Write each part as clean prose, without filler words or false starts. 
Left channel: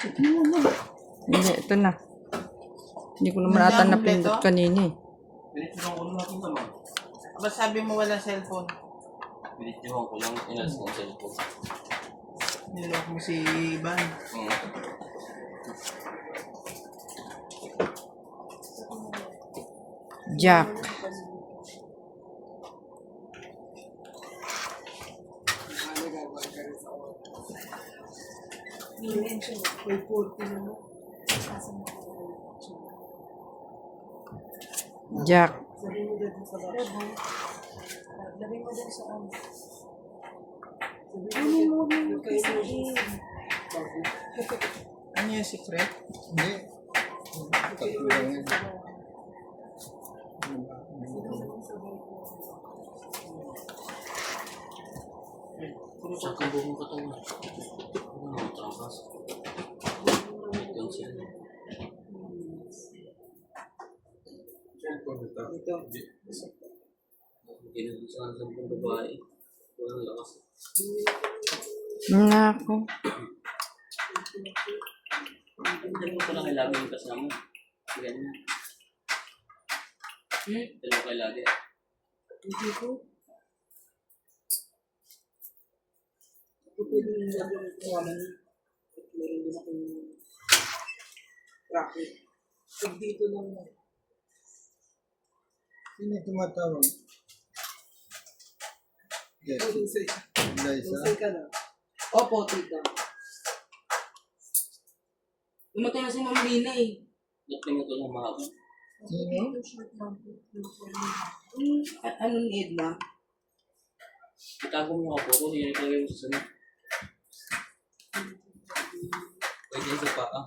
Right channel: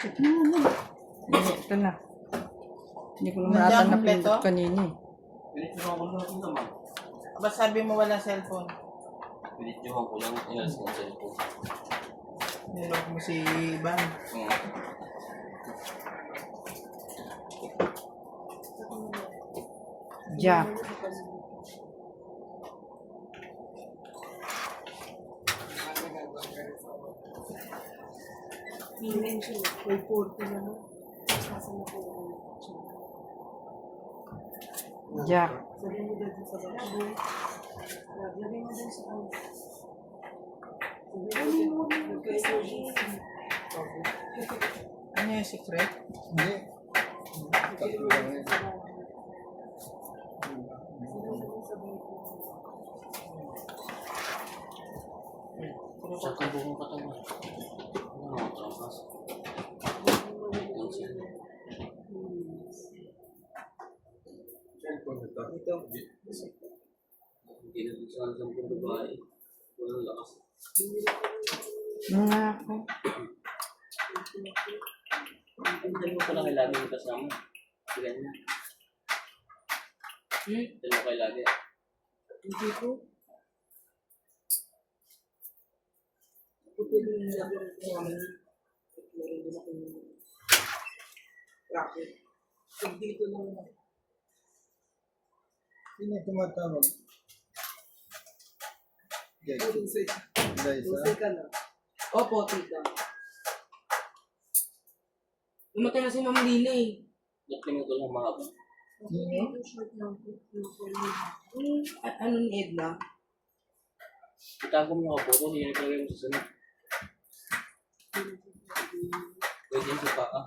Hindi, ito na. Hindi ko naman ata napindot kanina eh. Pinitsuhan ko lang naman. Aba sabi mo walang cellphone. Pinitsuhan ko lang inas ng cellphone. Nilok mo si Ivan. Jack. Jack. Ano yung secret? Hindi. Tatlo lang yun. Sa buong katawan. Ano, trabas. Cellphone ito. Ito. Ginagawa sa mga babae. Walang lakas. Nga ako. Dalawa ko lang kailangan yung kasama. Yan na. Dalawa kailangan. Hindi ko. Ito pwede yung lagyan ko naman. Meron din akong racket. Pag dito lang na. Sino yung tumatawag? Yes. Liza? Teka na. Opo, tita. Umatay na si Ma'am Lina eh. Nakinig ko lang mahaba. Sino? Ano ni Edna? Itago mo mga photo, hindi ko yung susunod. Pwede yung sa paa.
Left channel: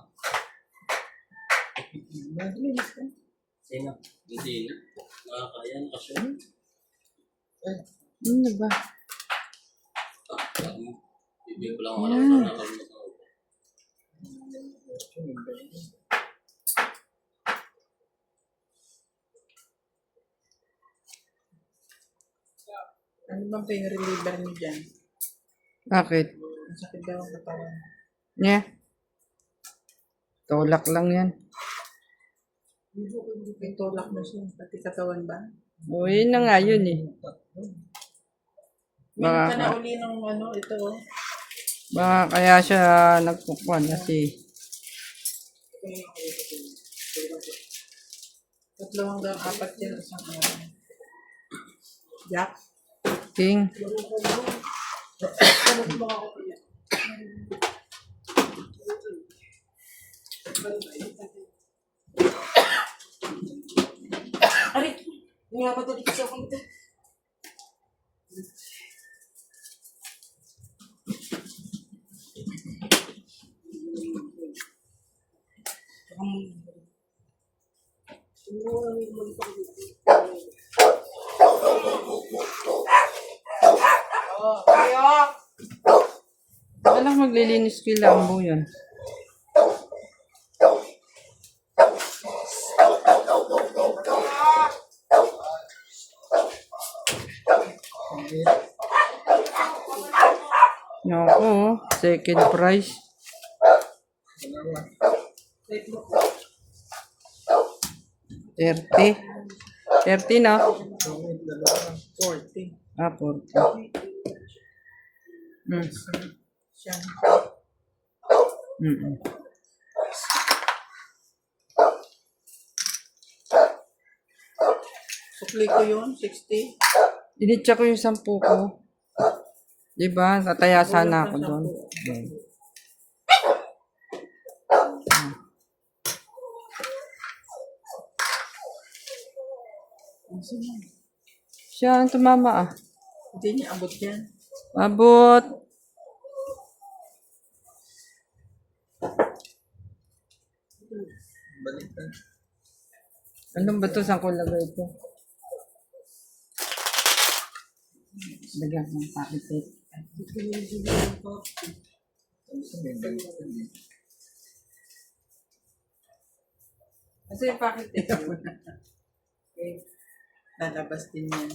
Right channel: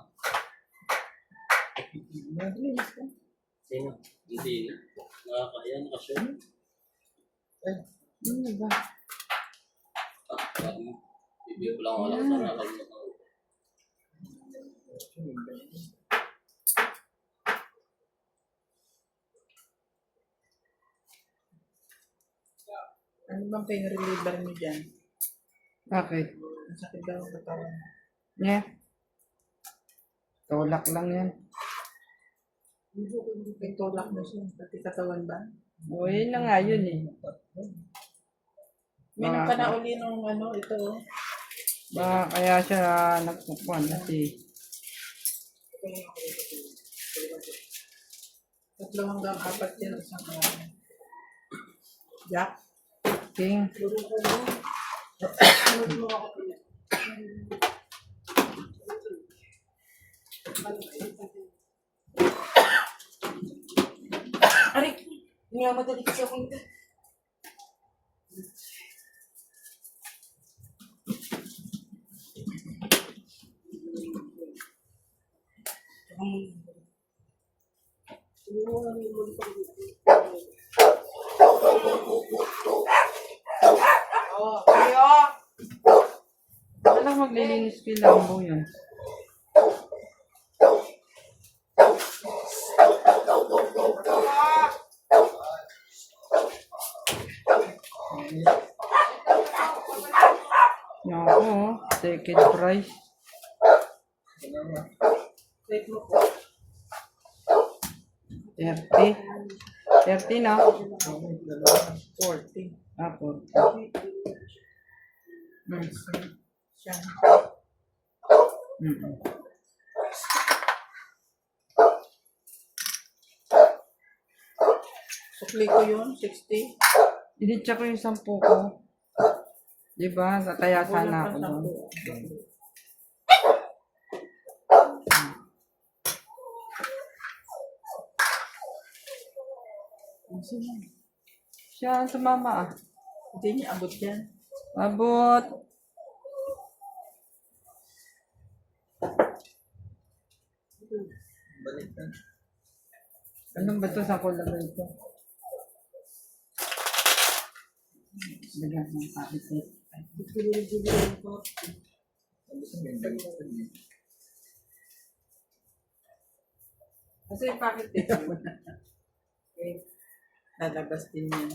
Sino? Hindi na. Nakakaya, nakasyon. Ano ba? Bibig ko lang ako lang sa nakalimutan ko. Ano bang pain reliever niyo dyan? Bakit? Ang sakit daw ang katawan. Yeah. Tulak lang yan. May tulak na siya. Pati katawan ba? O, yun na nga yun eh. Meron ka na uli ng ano, ito oh. Baka kaya siya nagpupuan kasi Tatlo hanggang 4 yan isang araw. Jack? King. Aray! Hindi nga madali kasi ako nito. Alam, maglilinis ko yung lambo yan. Naku, second prize. 30. 30 na. 40. Ah, 40. Siya. Sukli ko yun, 60. Initsa ko yung 10 ko. Diba? Tataya sana ako doon. Siya ang tumama ah. Hindi niya abot yan. Abot. Balik na. Anong ba ito? Saan ko lagay ito? Lagyan ko ng pakit. Sabi ko may balik na eh. Kasi yung packet ito. Okay. Lalabas din yan.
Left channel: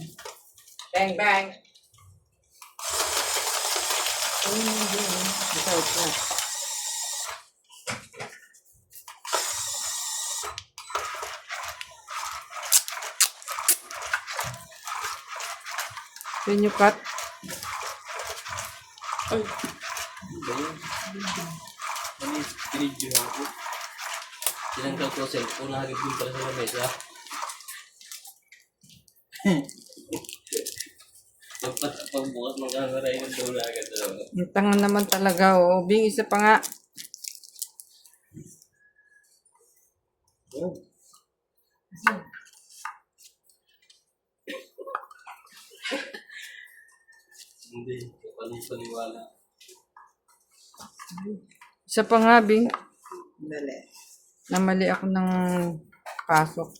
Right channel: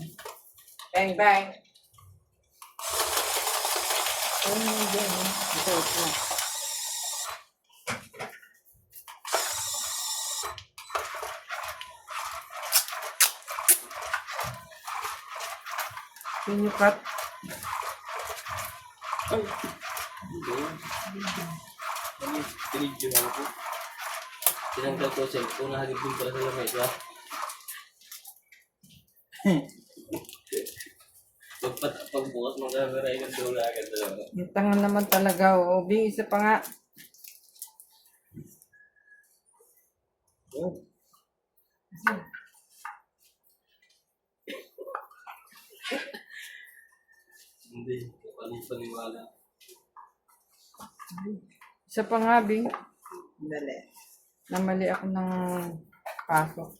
Bang, bang! Oh, bang. Ito, ito. Can you cut? Ay, ano ba yun? Ano yung video ako? Tinanggal ko sa cellphone, nahagib din pala sa lamesa. Pagbukas ng camera, yung dula agad talaga. Ang tanga naman talaga, oh. Bing, isa pa nga. Oh, Hindi, paniwala. Isa pa nga, Bing. Dali. Namali ako ng pasok.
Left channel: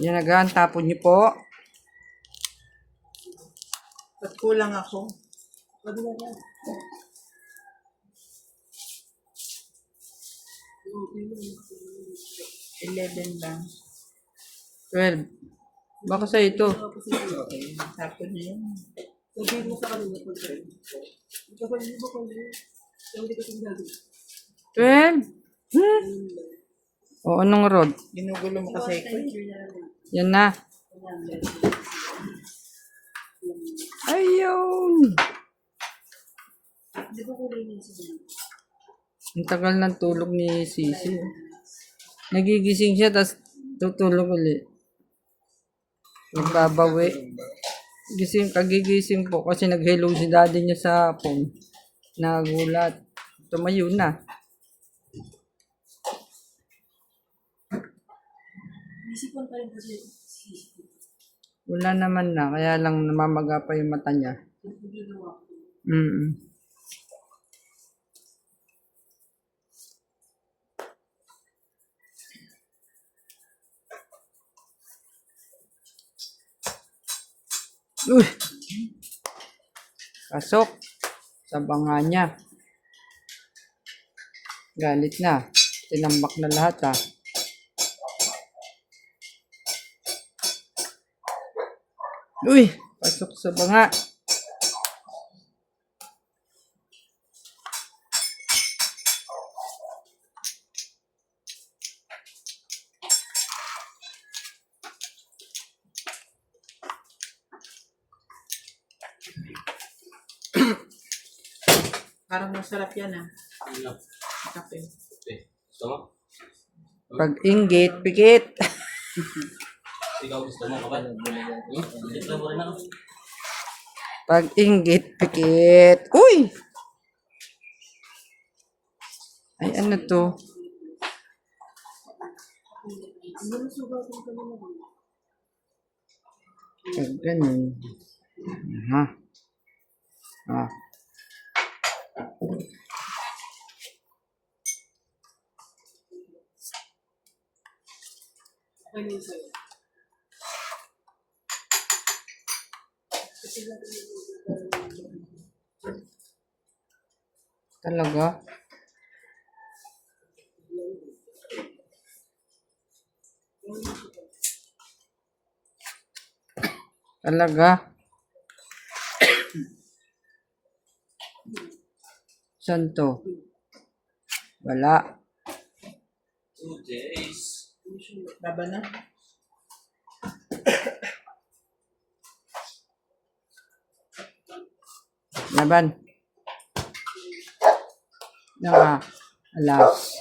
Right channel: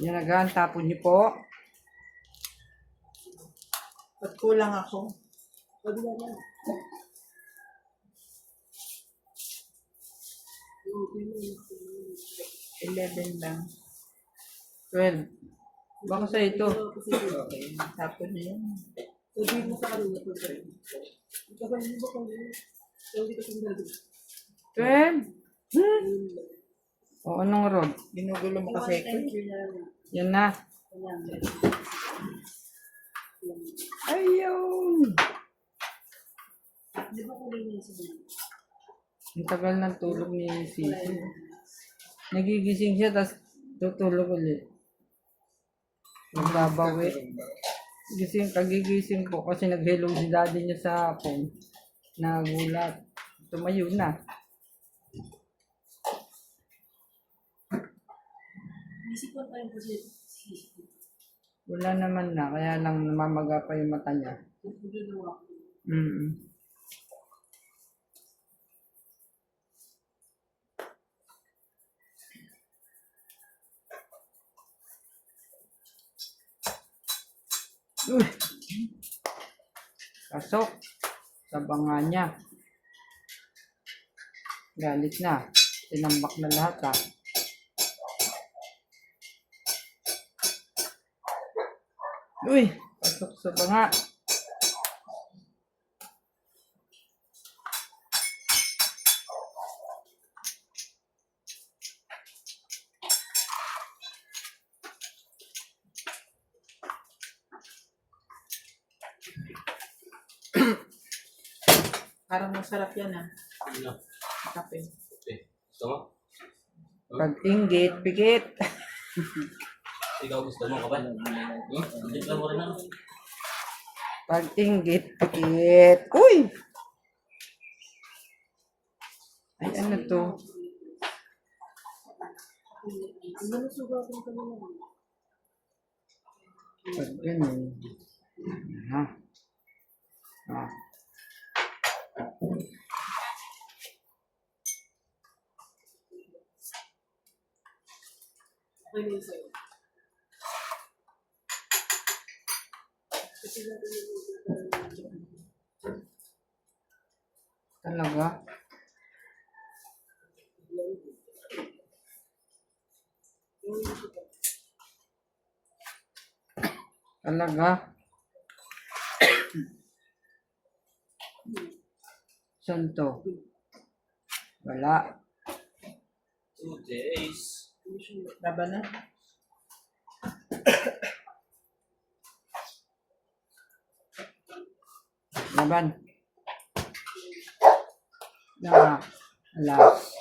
Yan na gan, tapon niyo po. Ba't kulang ako? Ba't na yan? 11 lang. 12. Baka sa ito. Okay. Tapos na yan. Sabihin mo sa kanila po sa'yo. Kapag mo ba kung hindi ko sinabi? 12? O, anong rod? Ginugulo mo kasi ko. Yan na. Ayun! Di ba kulinin sa mga? Ang tagal ng tulog ni Sisi. Nagigising siya, tapos tutulog ulit. Magbabawi. Kagigising po kasi nag-hello si daddy niya sa phone. Nagulat. Tumayo na. Isipan pa rin kasi. Wala naman na, kaya lang namamaga pa yung mata niya. Mm. Uy! Pasok sa banga niya. Galit na. Tinambak na lahat ah. Uy! Pasok sa banga. Parang masarap yan ah. Ano? Kape. Okay. Gusto mo? Pag-inggit, pikit. Ikaw gusto mo kapal? Dito mo rin ako. Pag-inggit, pikit. Uy! Ay, ano to? Pag ganun. Aha. Ah. Okay na sa'yo. Talaga? Talaga? Saan to? Wala. 2 days. Baba na. Laban. Naka. Alas.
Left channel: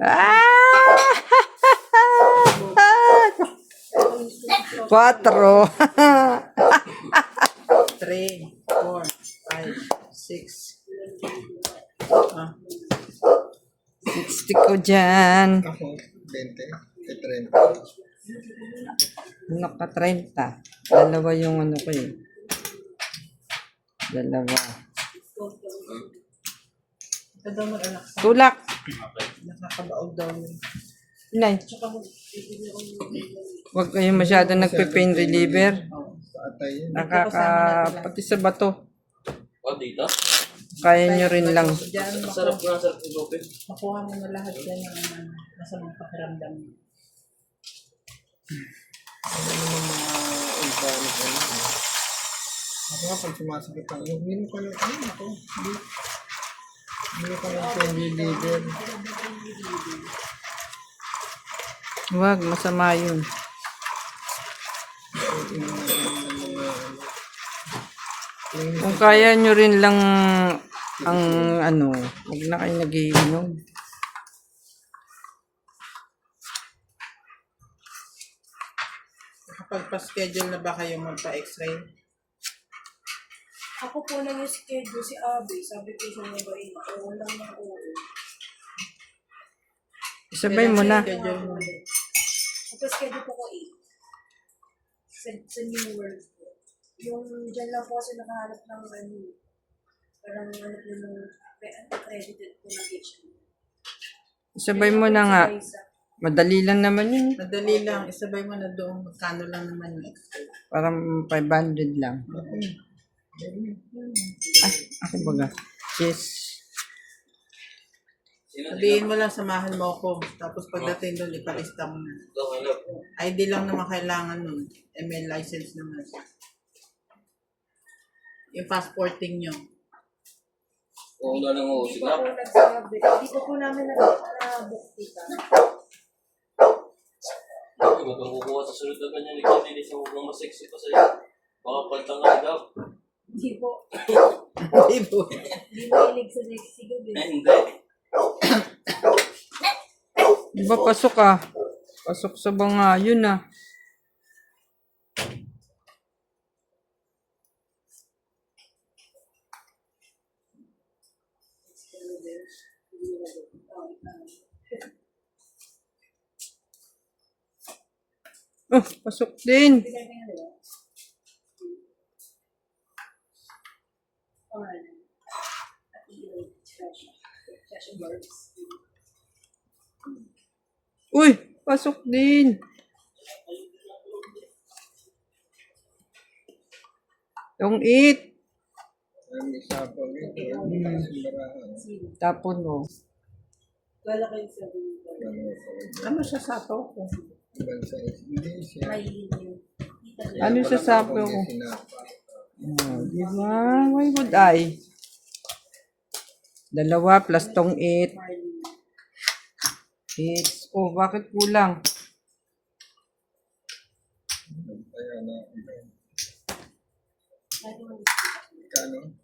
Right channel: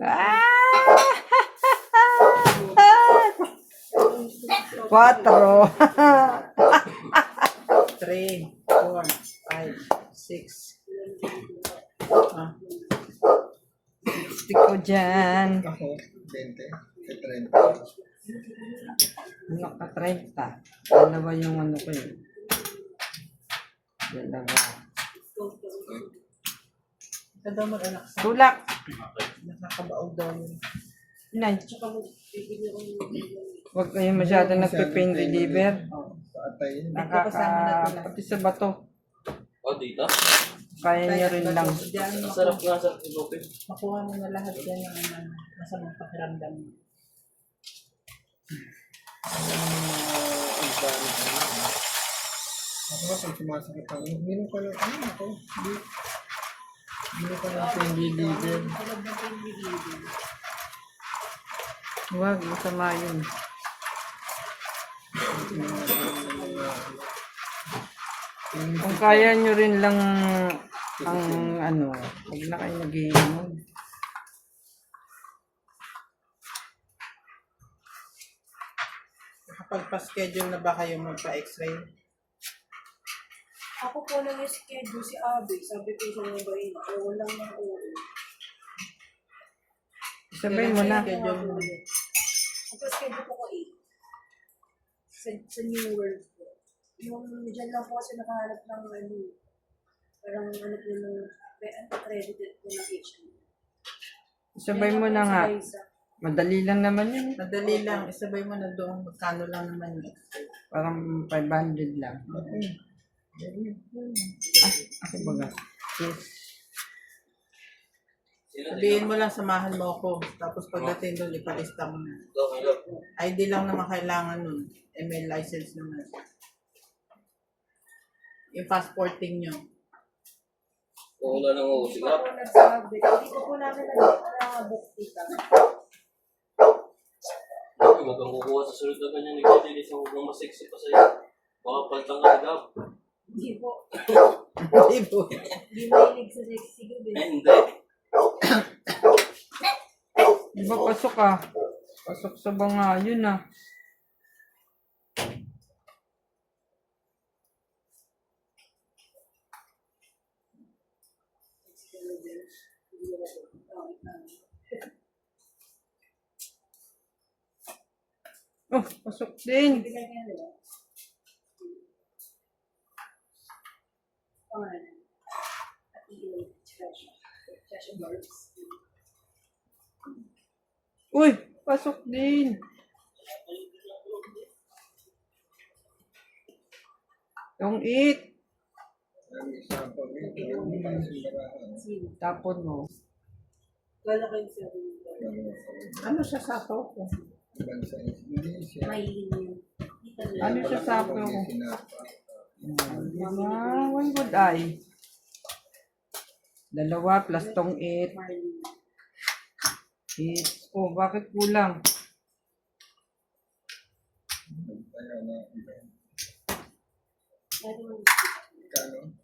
Ah! 4. 3, 4, 5, 6. Ah, 60 ko dyan. ako, 20, 30. Naka 30. Dalawa yung ano ko yun. Dalawa. ito daw mag-anak sa Tulak. nakakabaog daw yun. Inay. Tsaka mo, bibili ako ng Huwag kayong masyado nagpe-pain reliever. Sa atay yun. Pati sa bato. Oh, dito? Kaya nyo rin lang. Diyan, Ang sarap nga sa ibukin. makuha mo na lahat yan ng masamang pakiramdam mo. Iba na kayo. Ako nga pag sumasakit ang ulo, ko lang ano ako. Hindi ko lang pain reliever. Huwag, masama yun. Kung kaya nyo rin lang ang ano, huwag na kayo nagiinom. Kapag pa-schedule na ba kayo magpa-x-ray? Ako po lang yung schedule si Abby. Sabi ko sa mga bayi na, oo lang na oo. Isabay mo na. Schedule mo. Schedule po ko 8. Sa New World po. Yung dyan lang po kasi nakahanap ng ano, parang ano po nung accredited po na HM. Isabay mo na nga. Madali lang naman yun. Madali lang. Isabay mo na doon. Magkano lang naman yung x-ray. Parang 500 lang. Ay, ako baga. Yes. Sabihin mo lang, samahan mo ako. Tapos pagdating doon, ipalista mo na. ID lang naman kailangan nun. ML license naman. Yung passporting nyo. Oo na lang ako sila. Hindi po nagsabi. Hindi ko po namin na-book dito. Huwag kang kukuha sa sunod na ganyan. Ikaw din isang huwag masexy pa sa'yo. Baka paltang ka daw. Hindi po. Hindi po. Hindi mahilig sa sexy ko din. Hindi. Diba pasok ah? Pasok sa banga yun ah. Oh, pasok din. Uy, pasok din. Yung 8. Ang isa pa rin. Hindi na simbarahan. Tapon mo. Wala kayo sabi. Ano siya sapaw ko? Ibang size. Hindi siya. Mahilig yun. Ano sa sapo ko? Diba? Why would I? 2 plus tong 8. 8. Oh, bakit kulang? Kaya na. Kano?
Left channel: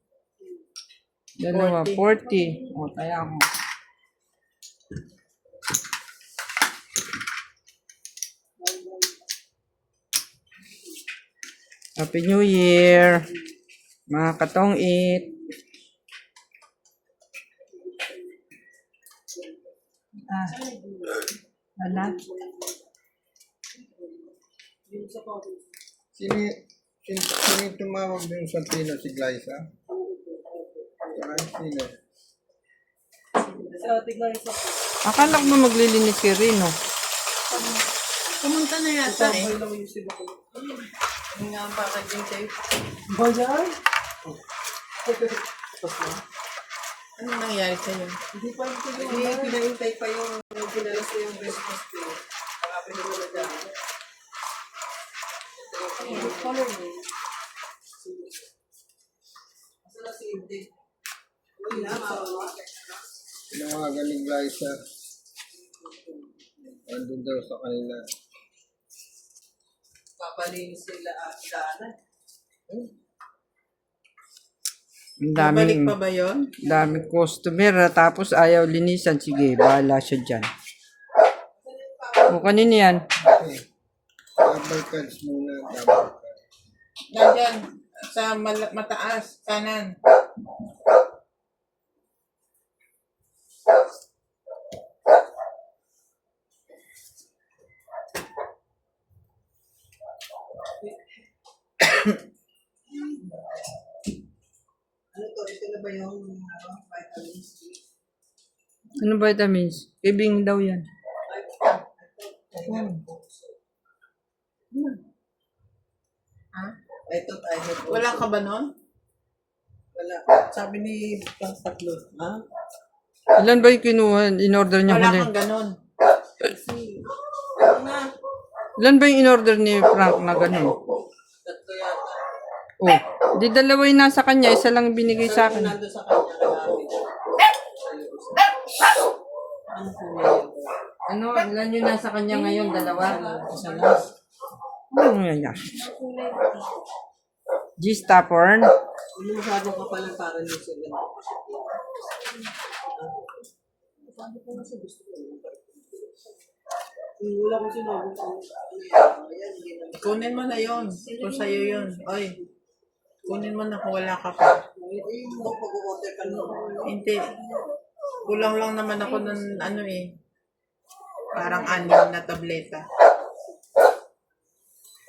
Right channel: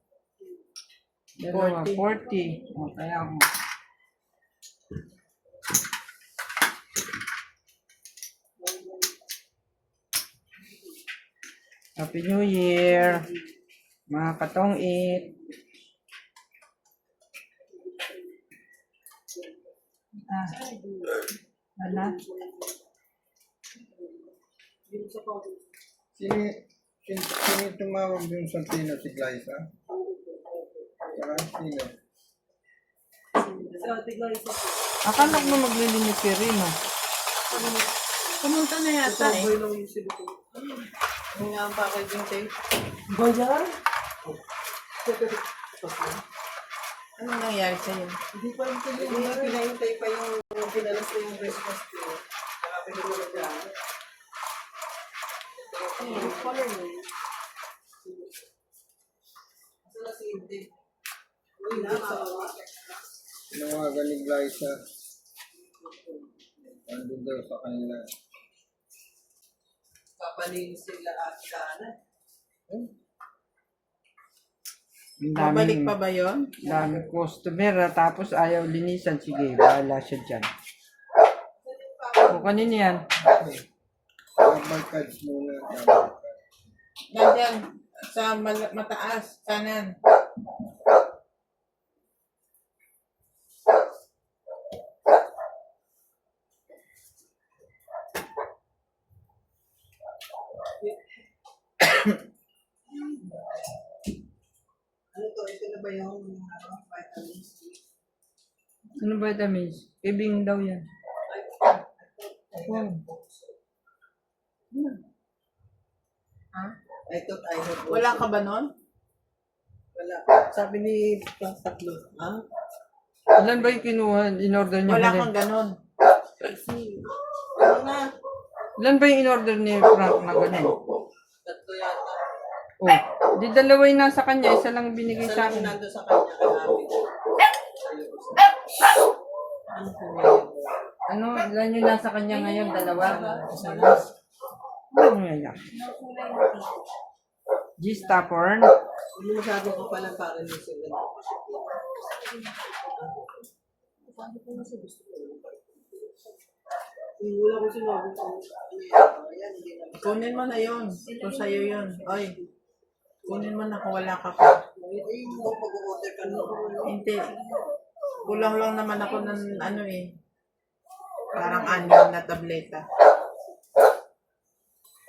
2, 40. Oh, kaya mo. Happy New Year. Mga katong 8. Ah. Ala. Sino tumawag dun sa Tino? Si Glyza? Sino? So, tignan isa po. Akala mo maglilinis si Rino. Pumunta na yata eh. Yung nga ang packaging tape. Bayan? Ano nangyari sa'yo? Hindi pa rin ito Hindi, pinahintay pa yung pinalas na yung Christmas tree. Kaya pinagulagyan. yung color mo. Asa na si Indy? Tinawagan ni Glyza. Andun daw sa kanila. Papalinis sila at daanan. Ang Babalik daming, pa ba yun? daming customer. Tapos ayaw linisan. Sige, bahala siya dyan. O, kanina yan. Okay. Double cards muna. Double cards. Nandiyan, sa mataas, kanan. Ano to? Ito na ba yung vitamins? Ano vitamins? Kibing daw yan. Ha? Ito tayo. Wala ka ba nun? Wala. Sabi ni Pang Tatlo. Ha? Ilan ba yung kinuha? In-order niya Wala huli? kang ganon. Kasi, ano na? Ilan ba yung in-order ni Frank na gano'n? Tatlo yata. Oh, di dalawa yung nasa kanya, isa lang binigay sa akin. Nando sa kanya, kalahati. Ano po yun? Ano, ilan yung nasa kanya ngayon? Dalawa? Isa lang. Ano yan yan? G-Stopper. Hindi masyado ka palang para ng 7. Sabi ko nga sa gusto ko. Wala ko sinabi ko. Kunin mo na yun. Kung sa'yo yun. Oy. Kunin mo na kung wala ka pa. Pag-order ka na. Hindi. Kulang lang naman ako ng ano eh. Parang 6 na tableta.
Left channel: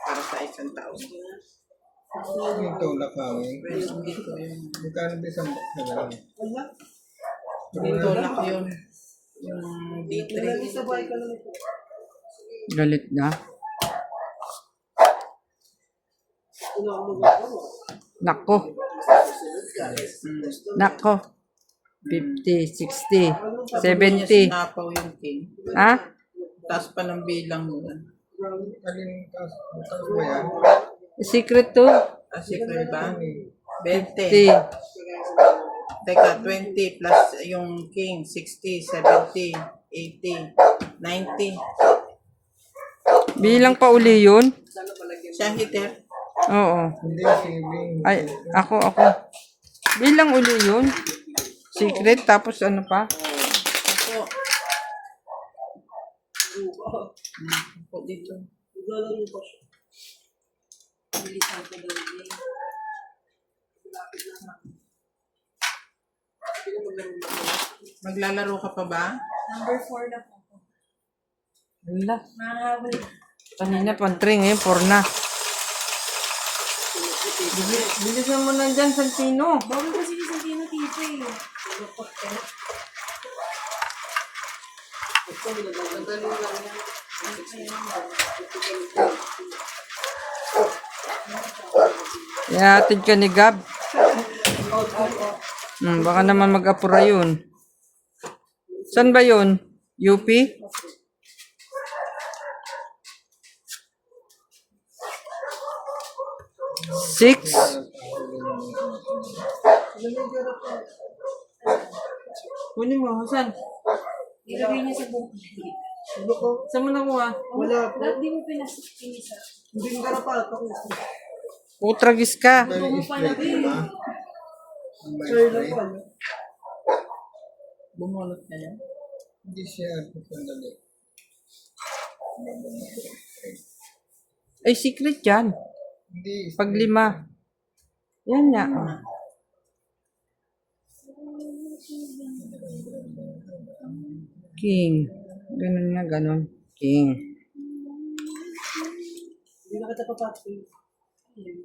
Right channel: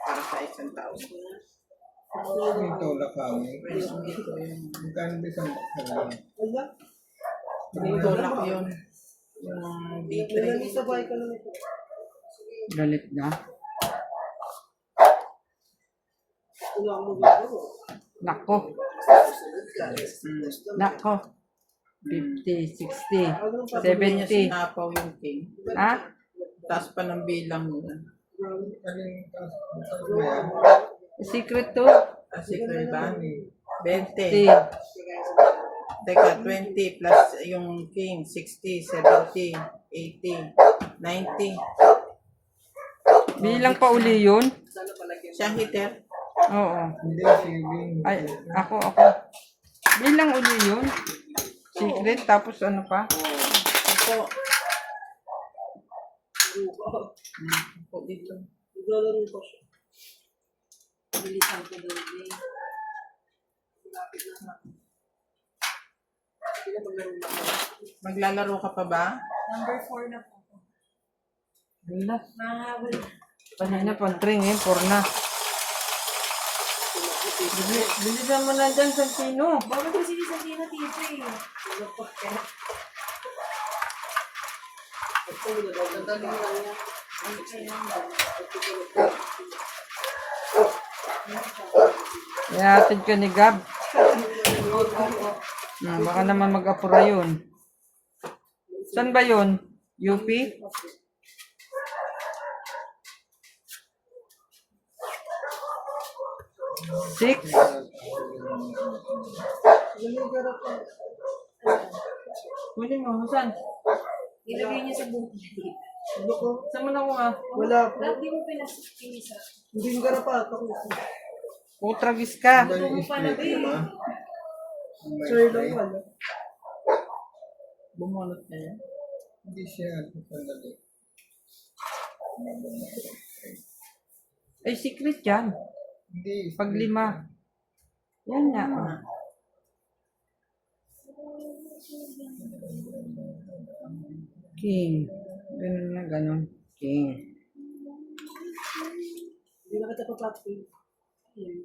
Para sa isang tao. Yung tulak kami. Hindi ko yun. Magkano ba isang bakal? Hindi tulak yun. Yung D3. Galit na. Nako. Nako. 50, 60, 70. Sinapaw yung king. Ha? Taas pa ng bilang mo. Alin taas ba yan? Secret to. Secret ba? 20. 50. Teka, 20 plus yung king. 60, 70, 80, 90. Bilang pa uli yun? Siya hitter. Oo. Hindi, saving. Ay, ako. Bilang uli yun? Secret, tapos ano pa? Ako. Ako dito. Bilisan ko daw din. Maglalaro ka pa ba? Number 4 na po. Wala. Mahabol. Kanina pang 3 ngayon, 4 na. Bilisan mo na dyan, Santino. Bago ko sinisabihin na tito eh. Ihatid ka ni Gab. Baka naman mag-apura yun. Saan ba yun? UP? Six? Kunin mo, saan? Ilagay niya sa buhok. Saan mo nakuha? Wala po. Ba't di mo pinasa? Hindi ko garapat ako. Putragis ka. Dahil Ano pala straight ba ba? eh? Ang may straight. Bumunot na yan. Hindi siya sandali. Ay, secret yan. Hindi. Pag 5. Yan nga. Oh. King. Ganun na, ganun. King. Hindi na kita papatay. Yung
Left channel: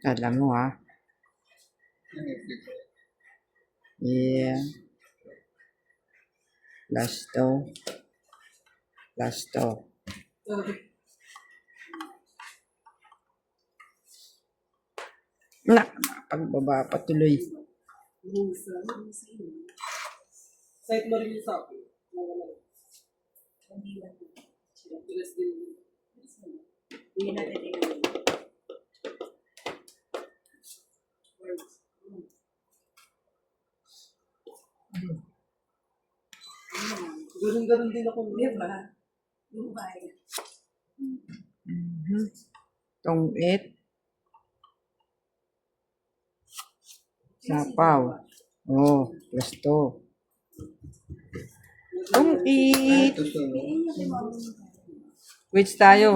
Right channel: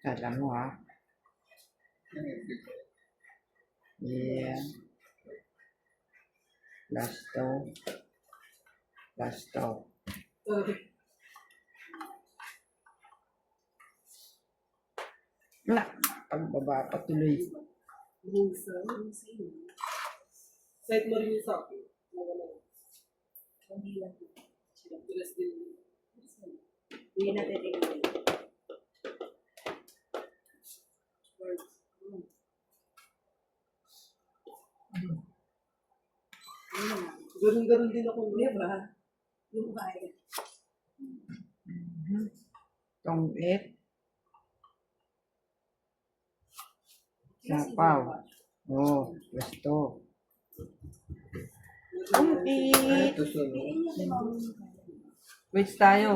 Alam mo ha. Yeah. Last to. Na, pagbaba patuloy. site mo rin yung sa akin. Hindi na titignan. Ganun din ako. Di ba? Yung kaya. Tong 8. Sapaw. Oh, plus to. Tong 8. Ito sunod. Quits tayo.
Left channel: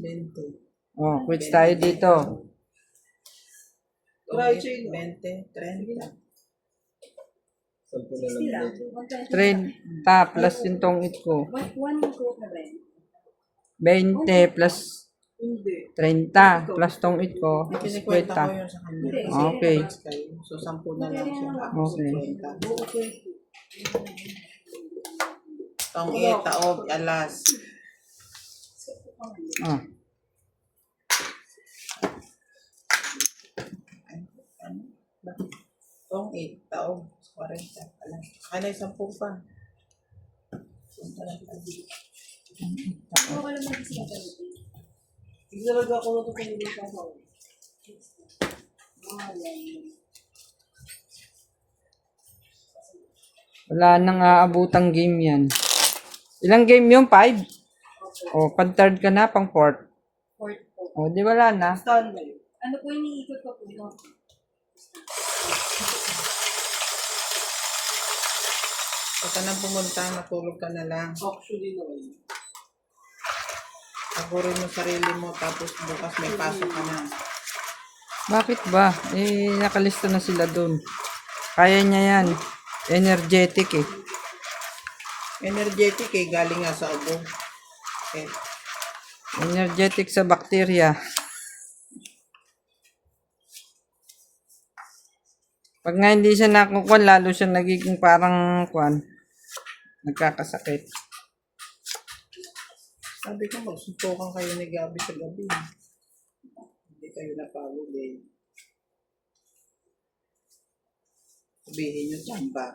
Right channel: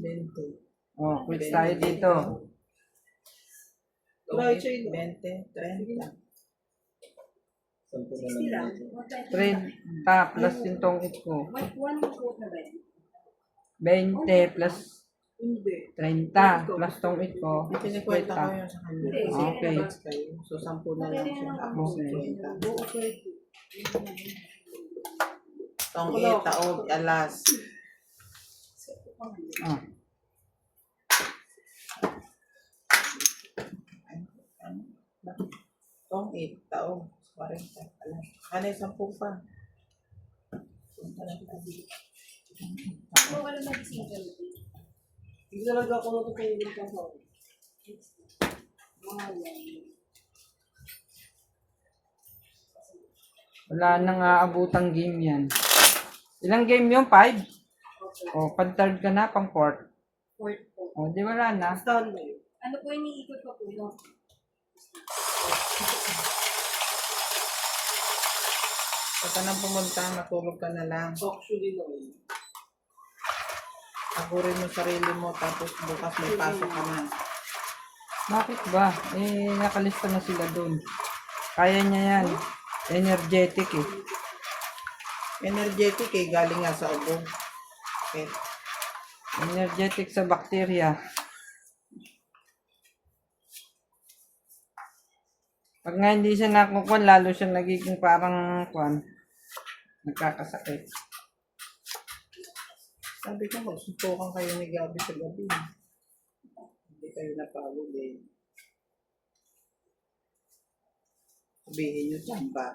Bento. Oh, quits tayo dito. Try chain. 20, 30. Sampu na lang dito. 30 plus yung tong 8 ko. One coat na ba yun? 20 plus Hindi. 30 plus tong 8 ko. Pinikwenta ko 50. yun sa kanya. Okay. So, 10 na lang siya. Ako Okay. 50. Tong 8, taob, alas. dalawang 8 taon. 40. Alam. Ano, 10 pa. Ako alam na kasi yung Hindi talaga ako natutulog sa ako. Wala nang aabutang game yan. Ilang game yun? 5? O, pang-third ka na, pang-fourth. fourth po. O, di wala na. Stanley. Ano po yung iniikot ko po? Yung Huwag ka nang pumunta, matulog ka na lang. Actually, no. Tagurin mo sarili mo, tapos bukas may pasok ka na. Bakit ba? Eh, nakalista na sila doon. Kaya niya yan. Energetic eh. Energetic eh, galing nga sa ubo. Eh, Energetic sa bakterya. Pag nga hindi siya nakukuha, lalo siya nagiging parang kuwan. Nagkakasakit. sabi ko, magsuntukan kayo ni Gabi sa gabi. Hindi kayo napagod eh. Sabihin nyo dyan ba?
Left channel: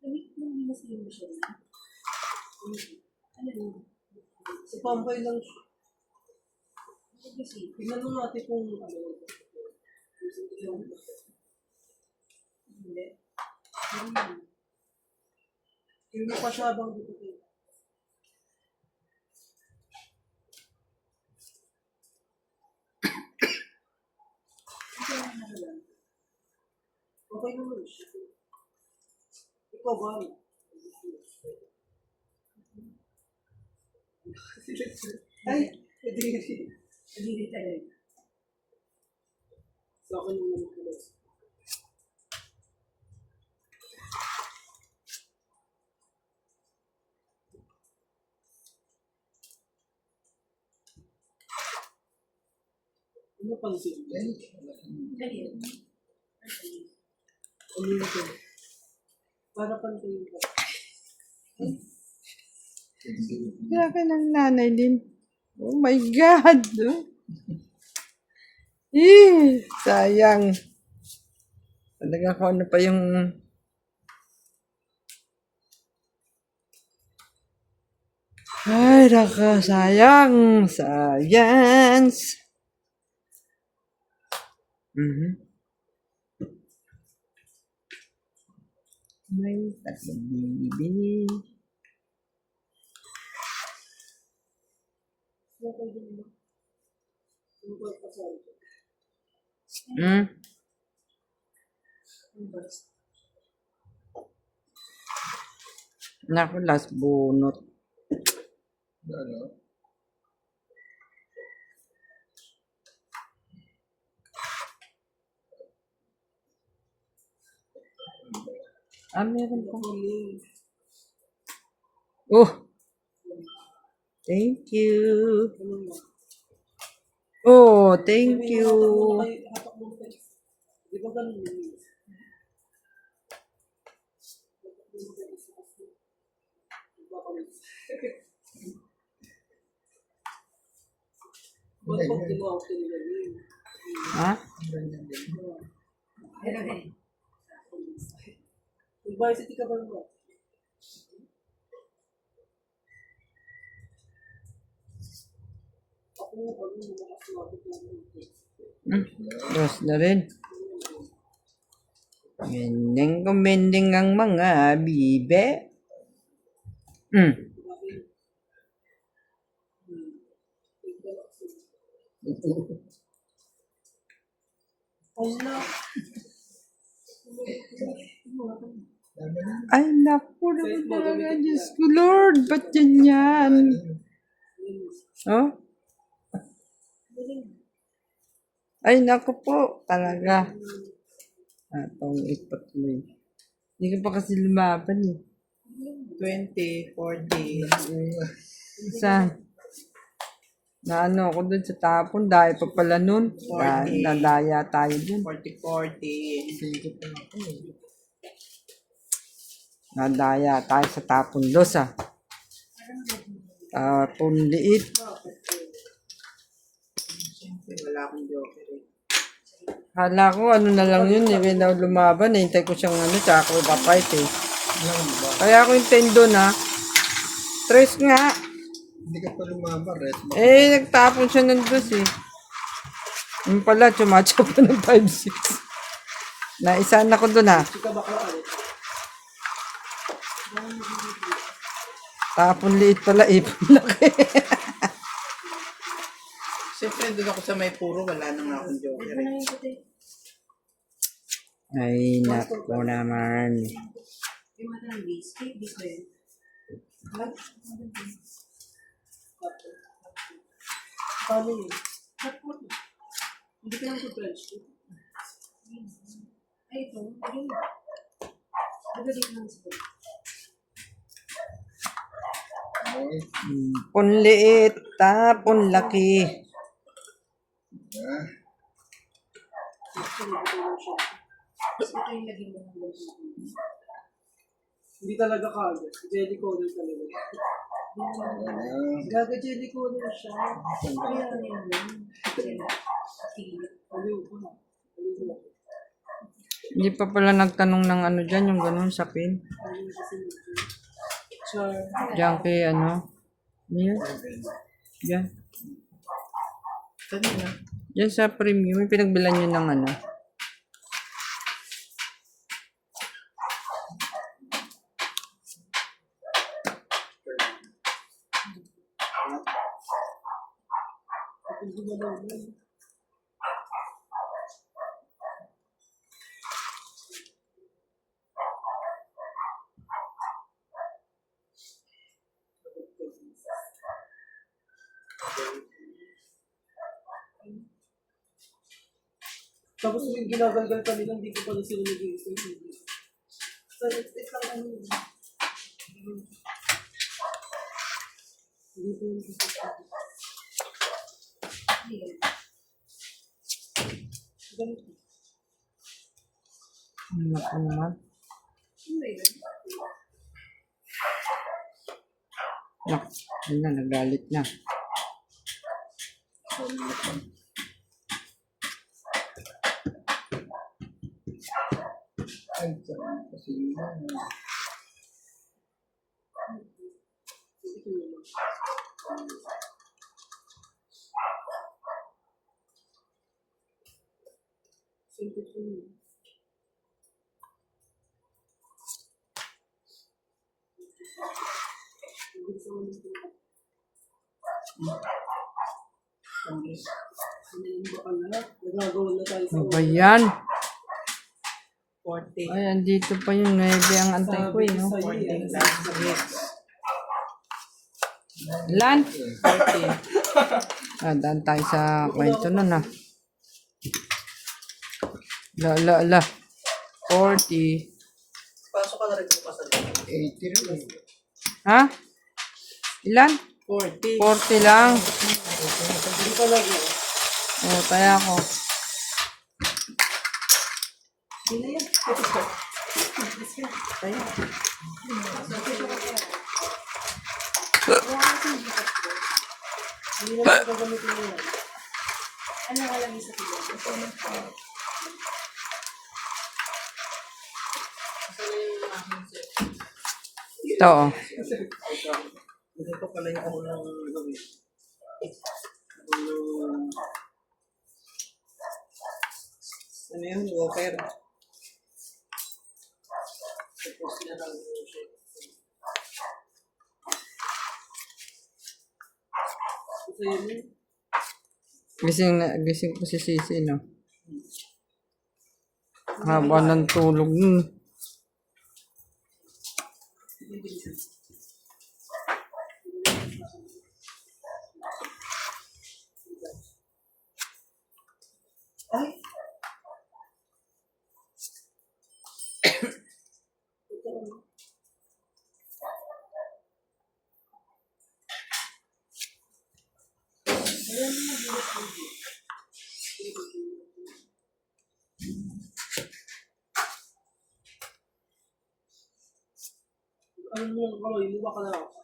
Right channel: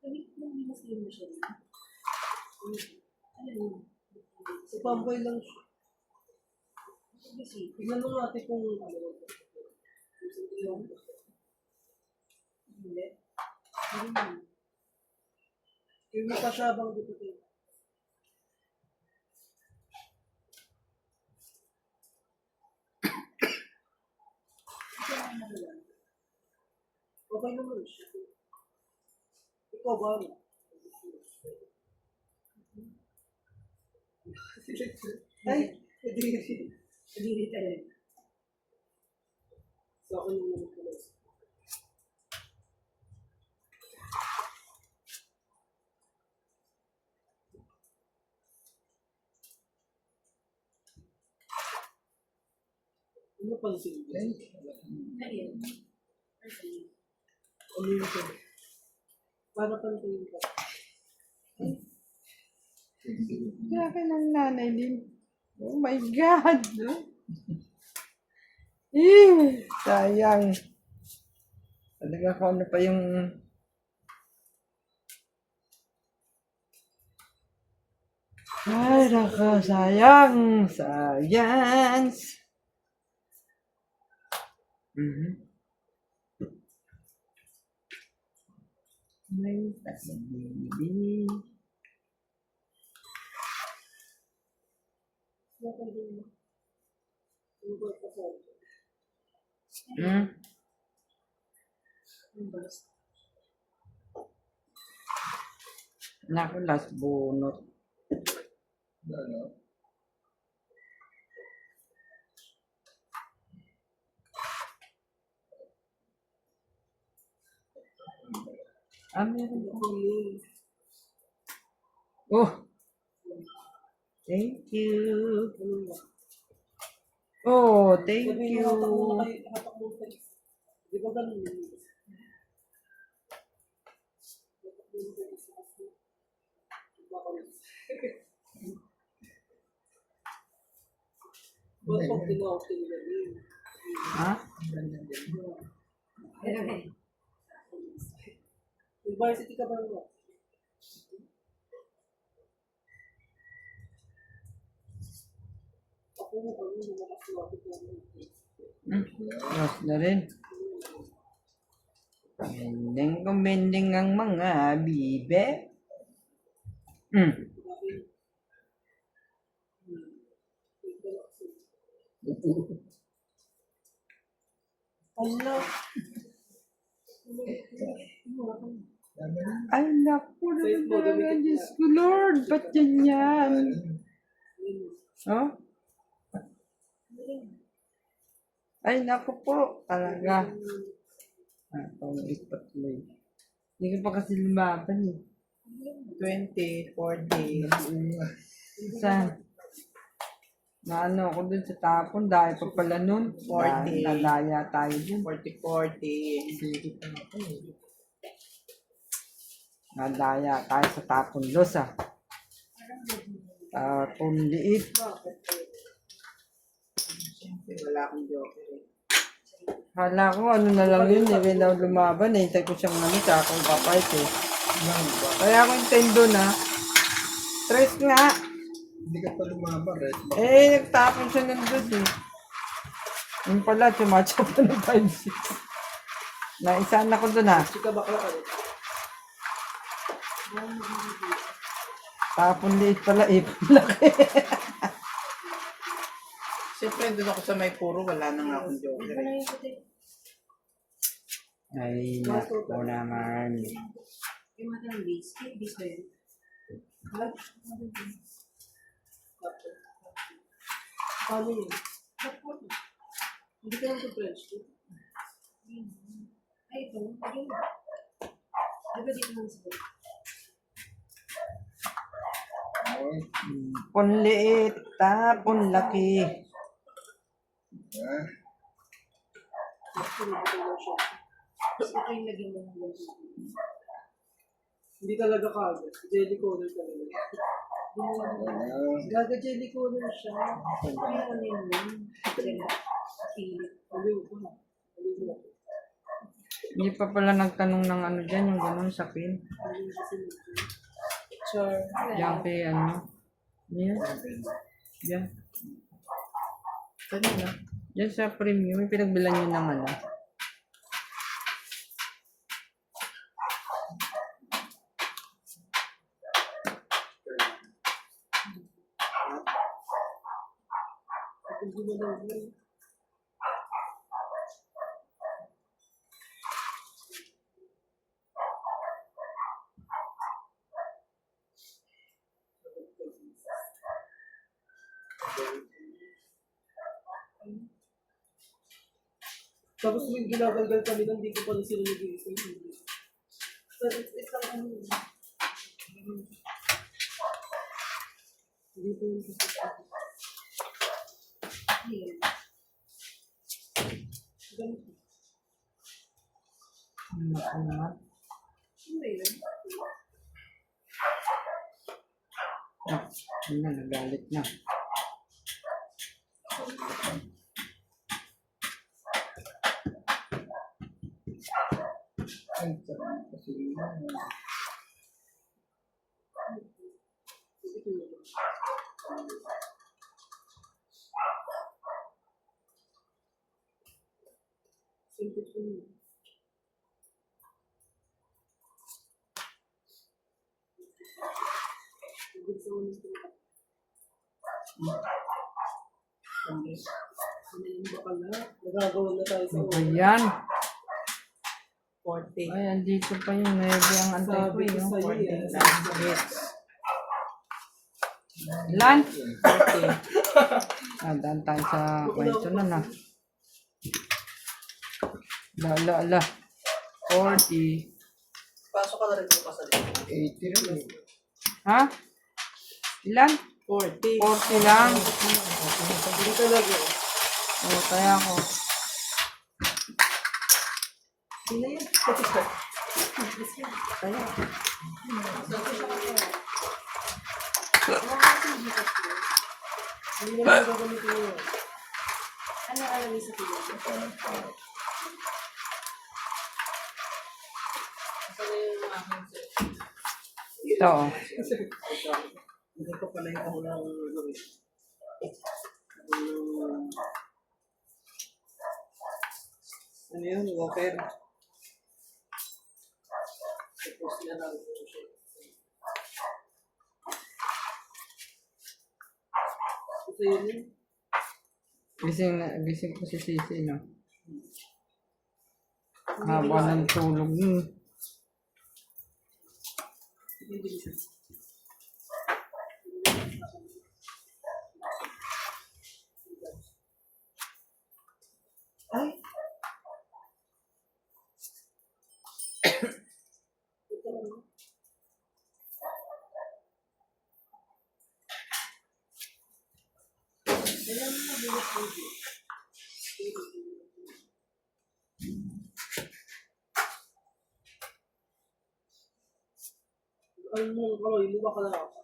Lamig mo yung mas-lim mo siya rin. Ano yun? Sa pambay lang siya. Kasi, Tignan mo natin kung ano. hindi. Yung mukha siya bang dito kayo. Okay naman siya. Ikaw ba? Ay, hindi. Hindi talaga. Sa akin yung naman pala. Ano pansin mo? Ganyan. Ano yung ito? Para pansin ka. Grabe ng nanay din. Oh my God! No? Eh, sayang. Talaga ko ano pa yung... Ay, naka, sayang. Science. May tatlong bibi. Naku, last bunot. Ano? Ah, meron pa. Oh! Thank you. Oh, thank you. Hatak mo kayo. Di ba ganun yun? Ba't pag ginawa ko nila yun? Ha? University ka ba naman? Ako, nakasuwate ko Tapos na rin. Mending kumending ang mga bibe. Allah. Ay, naku naman. Diyos ko, Lord. Ba't yan? Oh? Ay, naku po. Talaga. Atong ipat mo eh. Hindi ka pa kasi lumaban eh. 24 days. Isa. Na ano ako dun sa tapon dahil pa pala nun. 40. Nadaya tayo dun. 40-40. Sige pa ako eh. Nadaya tayo sa tapon dos ah. Tapon liit. Siyempre, wala akong joker eh. Hala ko ano na lang yun eh. When lumaban eh. Hintay ko siyang ano. Tsaka ako papight eh. Kaya ako intendo na. Stress nga. Hindi ka pa lumaban, rest mo. Eh, nagtapon siya ng dos eh. Yung pala, chumatcha pa ng 5-6. Naisaan ako doon ha. Tapon liit pala, ipon laki. Siyempre, doon ako sa may puro, wala nang akong joker Ano eh. yung puti? Ay, nako naman. Yung mga ng base. Kaya base ba yun? Ha? Paano yun? Hindi ka lang French. Ay, ito. Ayun. Diba dito lang sa Okay. Punliit, tapon laki. Ah, Tapos ito yung laging mo ng ganito. Hindi talaga kagad. Jelly coder talaga. ah, Gaga jelly coder siya. Kaya ano yun yun? Pilit. Aliw ko na. Aliw ko. Hindi pa pala nagtanong ng ano dyan, yung ganun sa pin. Aliw kasi medyo. Char. Diyan kay ano. Yan. Diyan. Kanina. Diyan sa premium, may pinagbilan nyo ng ano. Kapag gumalaw mo. Tapos may ginagalgal kami lang, hindi ko pa rin sila nag-iisip. So, it's lang ano yun. Hindi ko yung gusto ko. Ayun. Ganito. Naku naman. Ano ba yun? Ah, yun na, nagalit na. ay, sarap kasi yun. Simple ko yun. Gusto ko nito. Ano ba pala? Nagagawa na tayo sa Ano ba yan? 40. Ay, andito pa yung 9 ang antay ko eh. No? 40 last hits. Ilan? 40. Ah, daan tayo sa kwento nun ah. La. 40. Pasok ka na rin bukas sa 80 rin. Ha? Ilan? 40. 40 lang. Hindi talaga. Oh, kaya ako. Hindi na yan. Kaya. Hindi na lang gagamitin mo yan. Ano alam niyo sa pilit? Ito oh. Hindi ko pala yung unang gawin. Ano yun? Walker. Tapos na lang yung siya. Ito yun. Gising ko si Sisi, no? Haba ng tulog nun. Ay. Ano mo, iluwa ka na ako.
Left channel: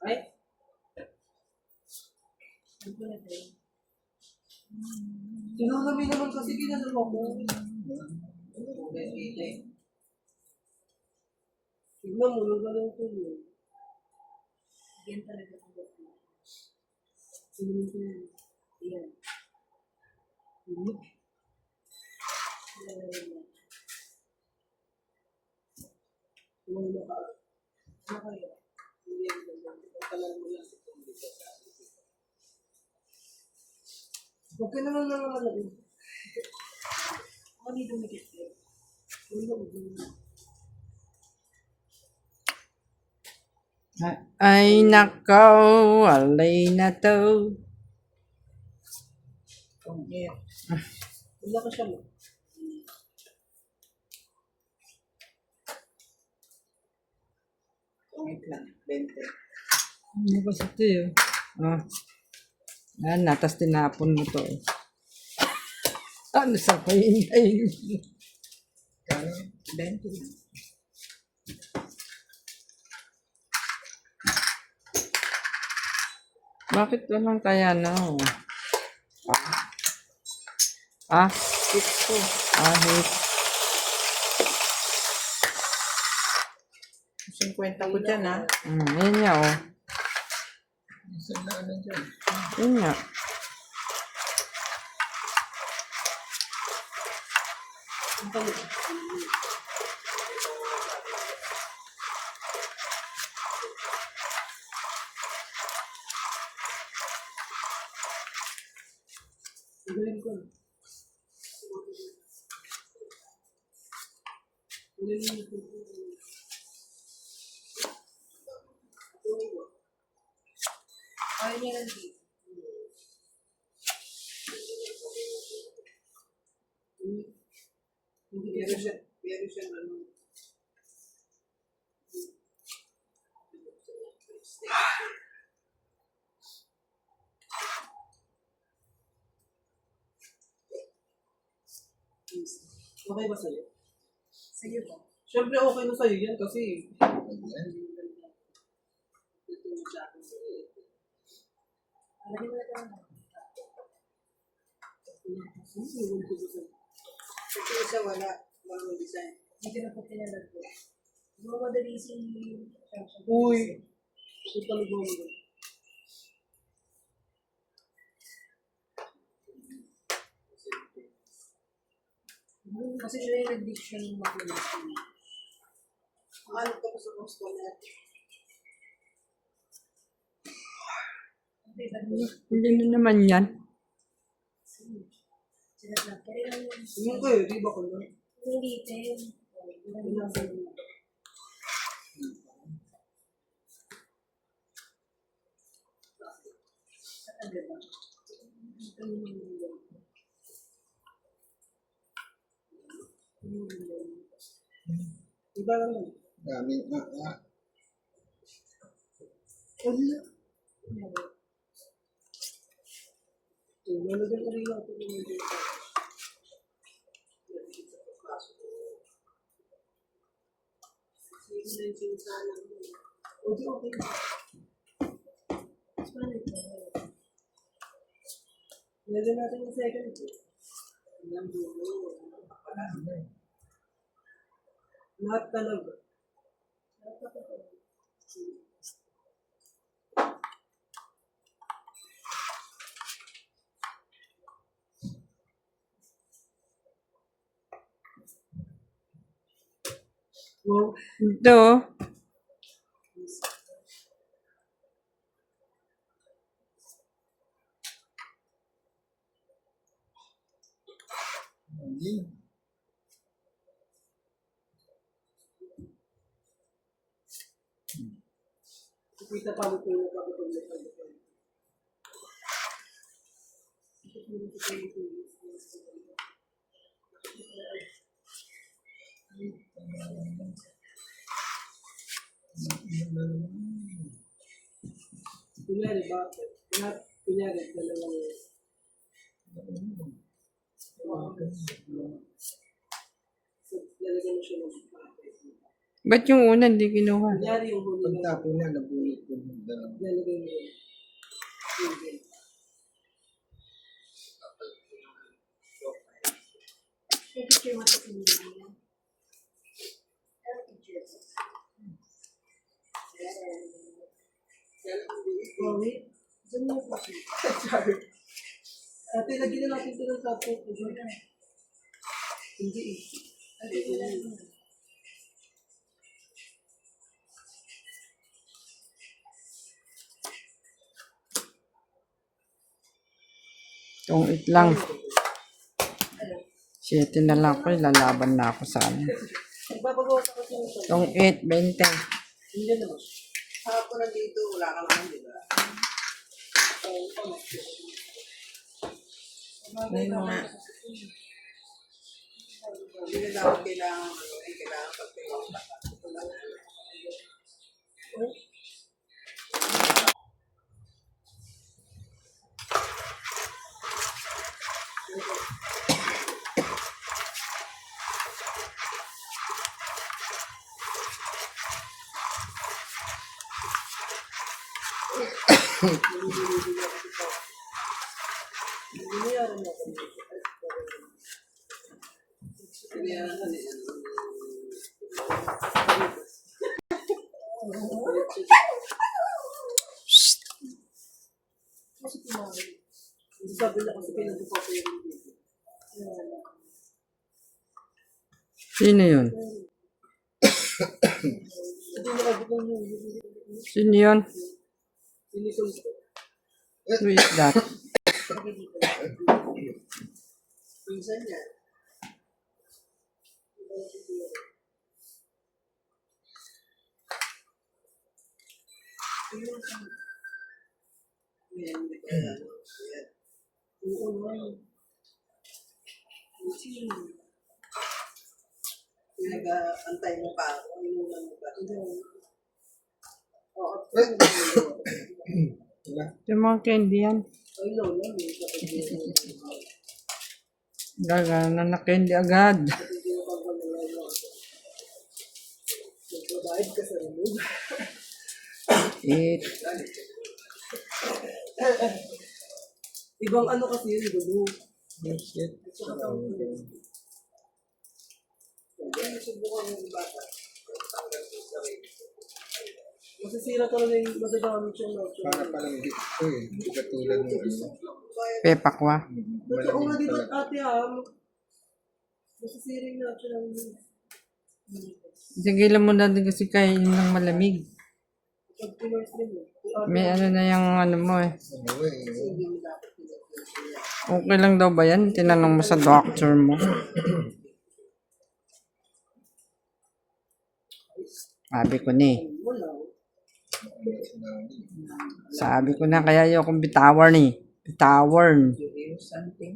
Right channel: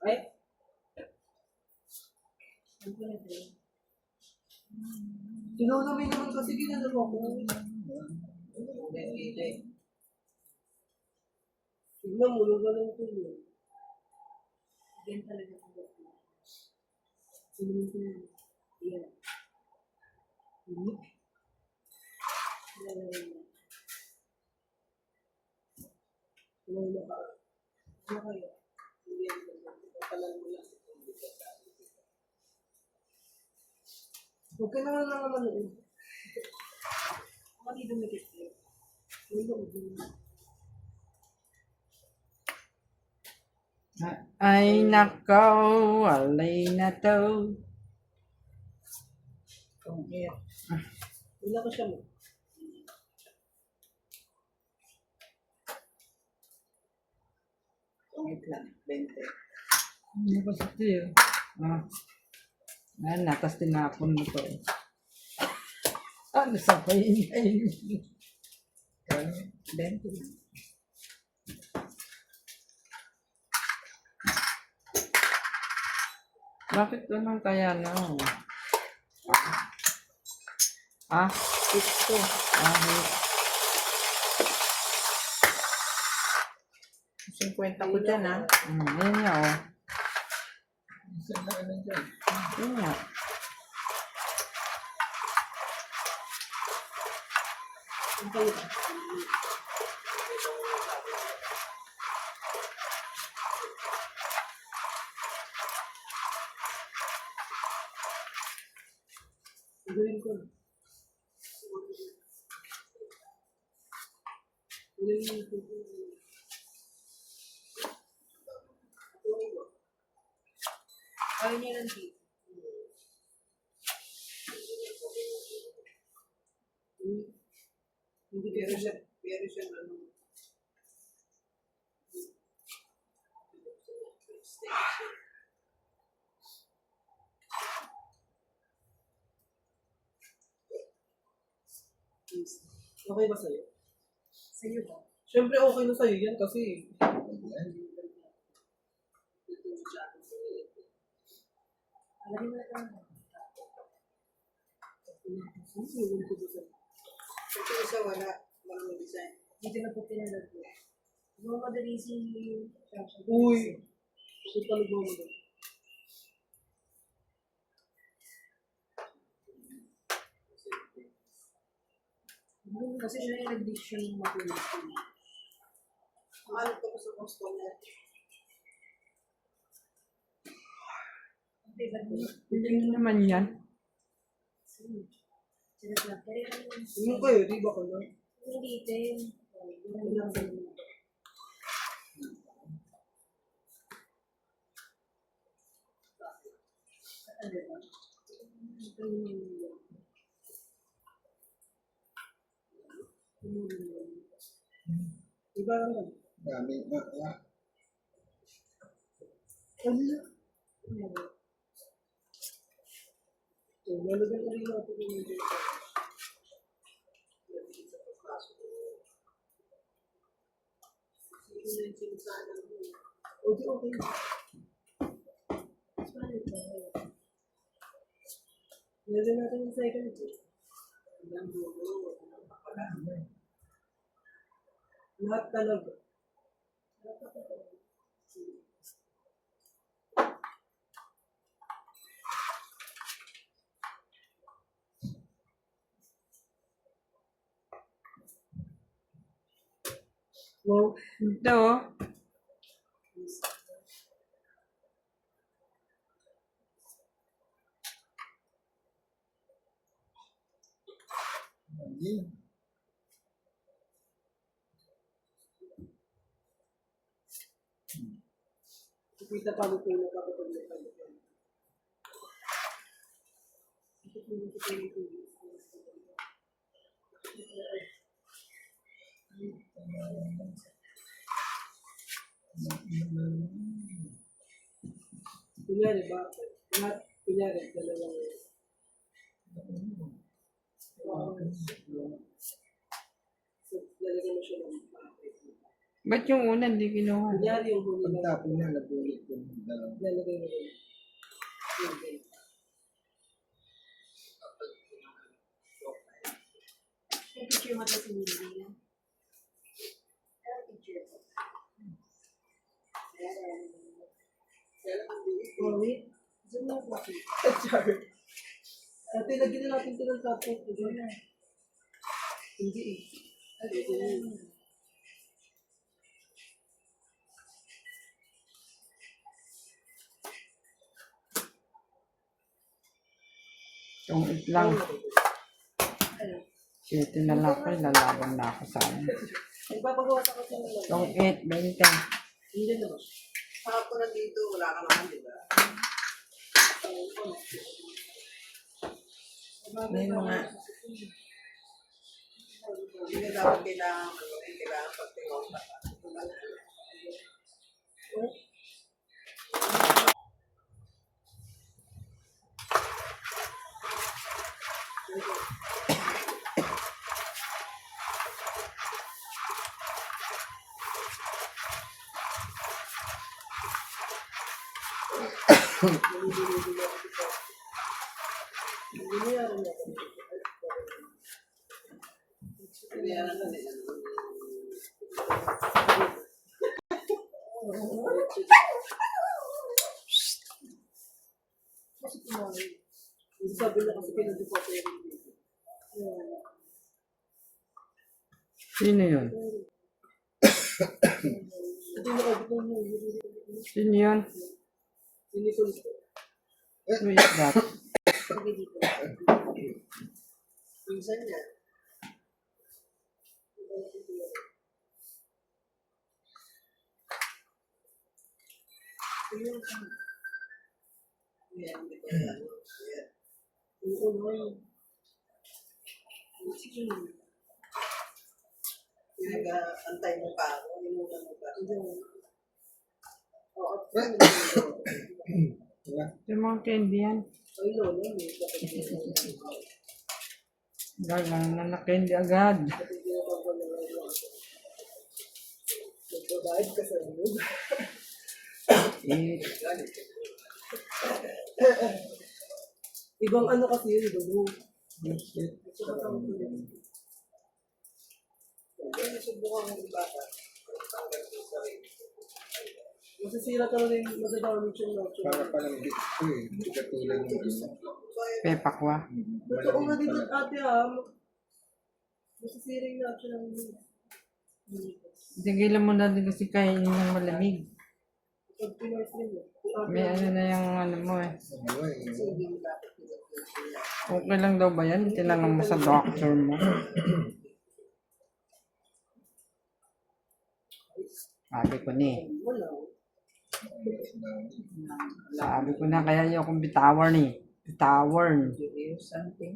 Ay, sinunod naman kasi ginagawa ko. Tignan mo, yung galing ko yun. Yan talaga ang gawin. Sinunod ko yun. Yan. Sinunod ka. Ano kaya? Hindi yan. Pagkalan mo lang. Huwag ka naman naman naman. Ako dito dumikit yun. Ay, nakaw, alay na to. Wala ka siya mo. Wait lang, 20. Ano ba sa ito yun? Oh. Yan na, tas tinapon mo to. Ano sa pahintayin? 20 lang. Bakit naman kaya na? Ah? 6 Ah, wait. 50 ko dyan, ha? Yun nga, oh. Isa na ano dyan. Yun nga. Gawin ko. Ayaw niya lang dito. Hindi Pero siya, ano, okay ba sa'yo? Sa'yo ba? Siyempre okay na sa'yo yan kasi Alagay mo na lang. kasi isa wala, walang design. Dito na po pinalag ko. Mga madali si... uy, ito talaga mo doon. Kasi siya yung nag-diction ng magulis ko. Ano ka pa sa gusto niya? Okay, ba't mo? Hindi na naman yan. Sinat lang. Pero yung... Yung kayo, di ba ko lang? Yung litin. Yung lang sa'yo. Ano ba? Ito yung... Iba lang lang. Dami na. Ano na? So, nalagyan ko rin lang ito yung mga okay, okay. Nalagyan natin yung second. Lahat talaga. Wow. Ito. Hindi. Kita pa ito yung nakapagpagpag. Kunyari ba? Kunyari, dalawang lalagyan mo siya ng Ba't yung una hindi kinuha? kunyari yung huli na Pagtapo na, nabulot ko ng dalawa. lalagay mo yun. Yung picture mo sa sinili niya. Ano picture ko? Oh, wait. Diyan mo pa. Sorry. Ate, lagyan na natin ito ng tapo. Hindi eh. Itong it lang. 7 na lang ako, lalaban na ako sa ano. Magpapagawa ka kasi ng Itong 8, 20. hindi naman. Hapon na dito, wala ka naman, di ba? May mga... Hindi na dapat kailangan, kailangan pagtiwala. Sabi na kasi pinag-upo ko yung video. Sino yun? Ito yung nakabukong yung Sino yun? silikon ko. Who is that? Minsan yan. Yan, di ba? Yan. Oo naman. Pinag-antay mo pa ako, inunan mo pa. Oo. Diba? Yung mga candy yan. Ay, lola, may kapag Gagana na candy agad. nagbabayad ka sa inyo. 8. Ibang ano kasi yun, dugo. Masisira talaga yung magagamit yung notion. Para palang hindi ko eh. Hindi katulad ng ano. Pepakwa. Totoo nga dito ate masisira yung notion ng Tigilan mo na din kasi kainin ng malamig. pag pinas din mo. May ano na yung ano mo eh. Ano eh. Okay lang daw ba yan? Tinanong mo sa doctor mo. Sabi ko ni. Sabi ko na kaya yung akong bitawan eh. Bitawan. Something.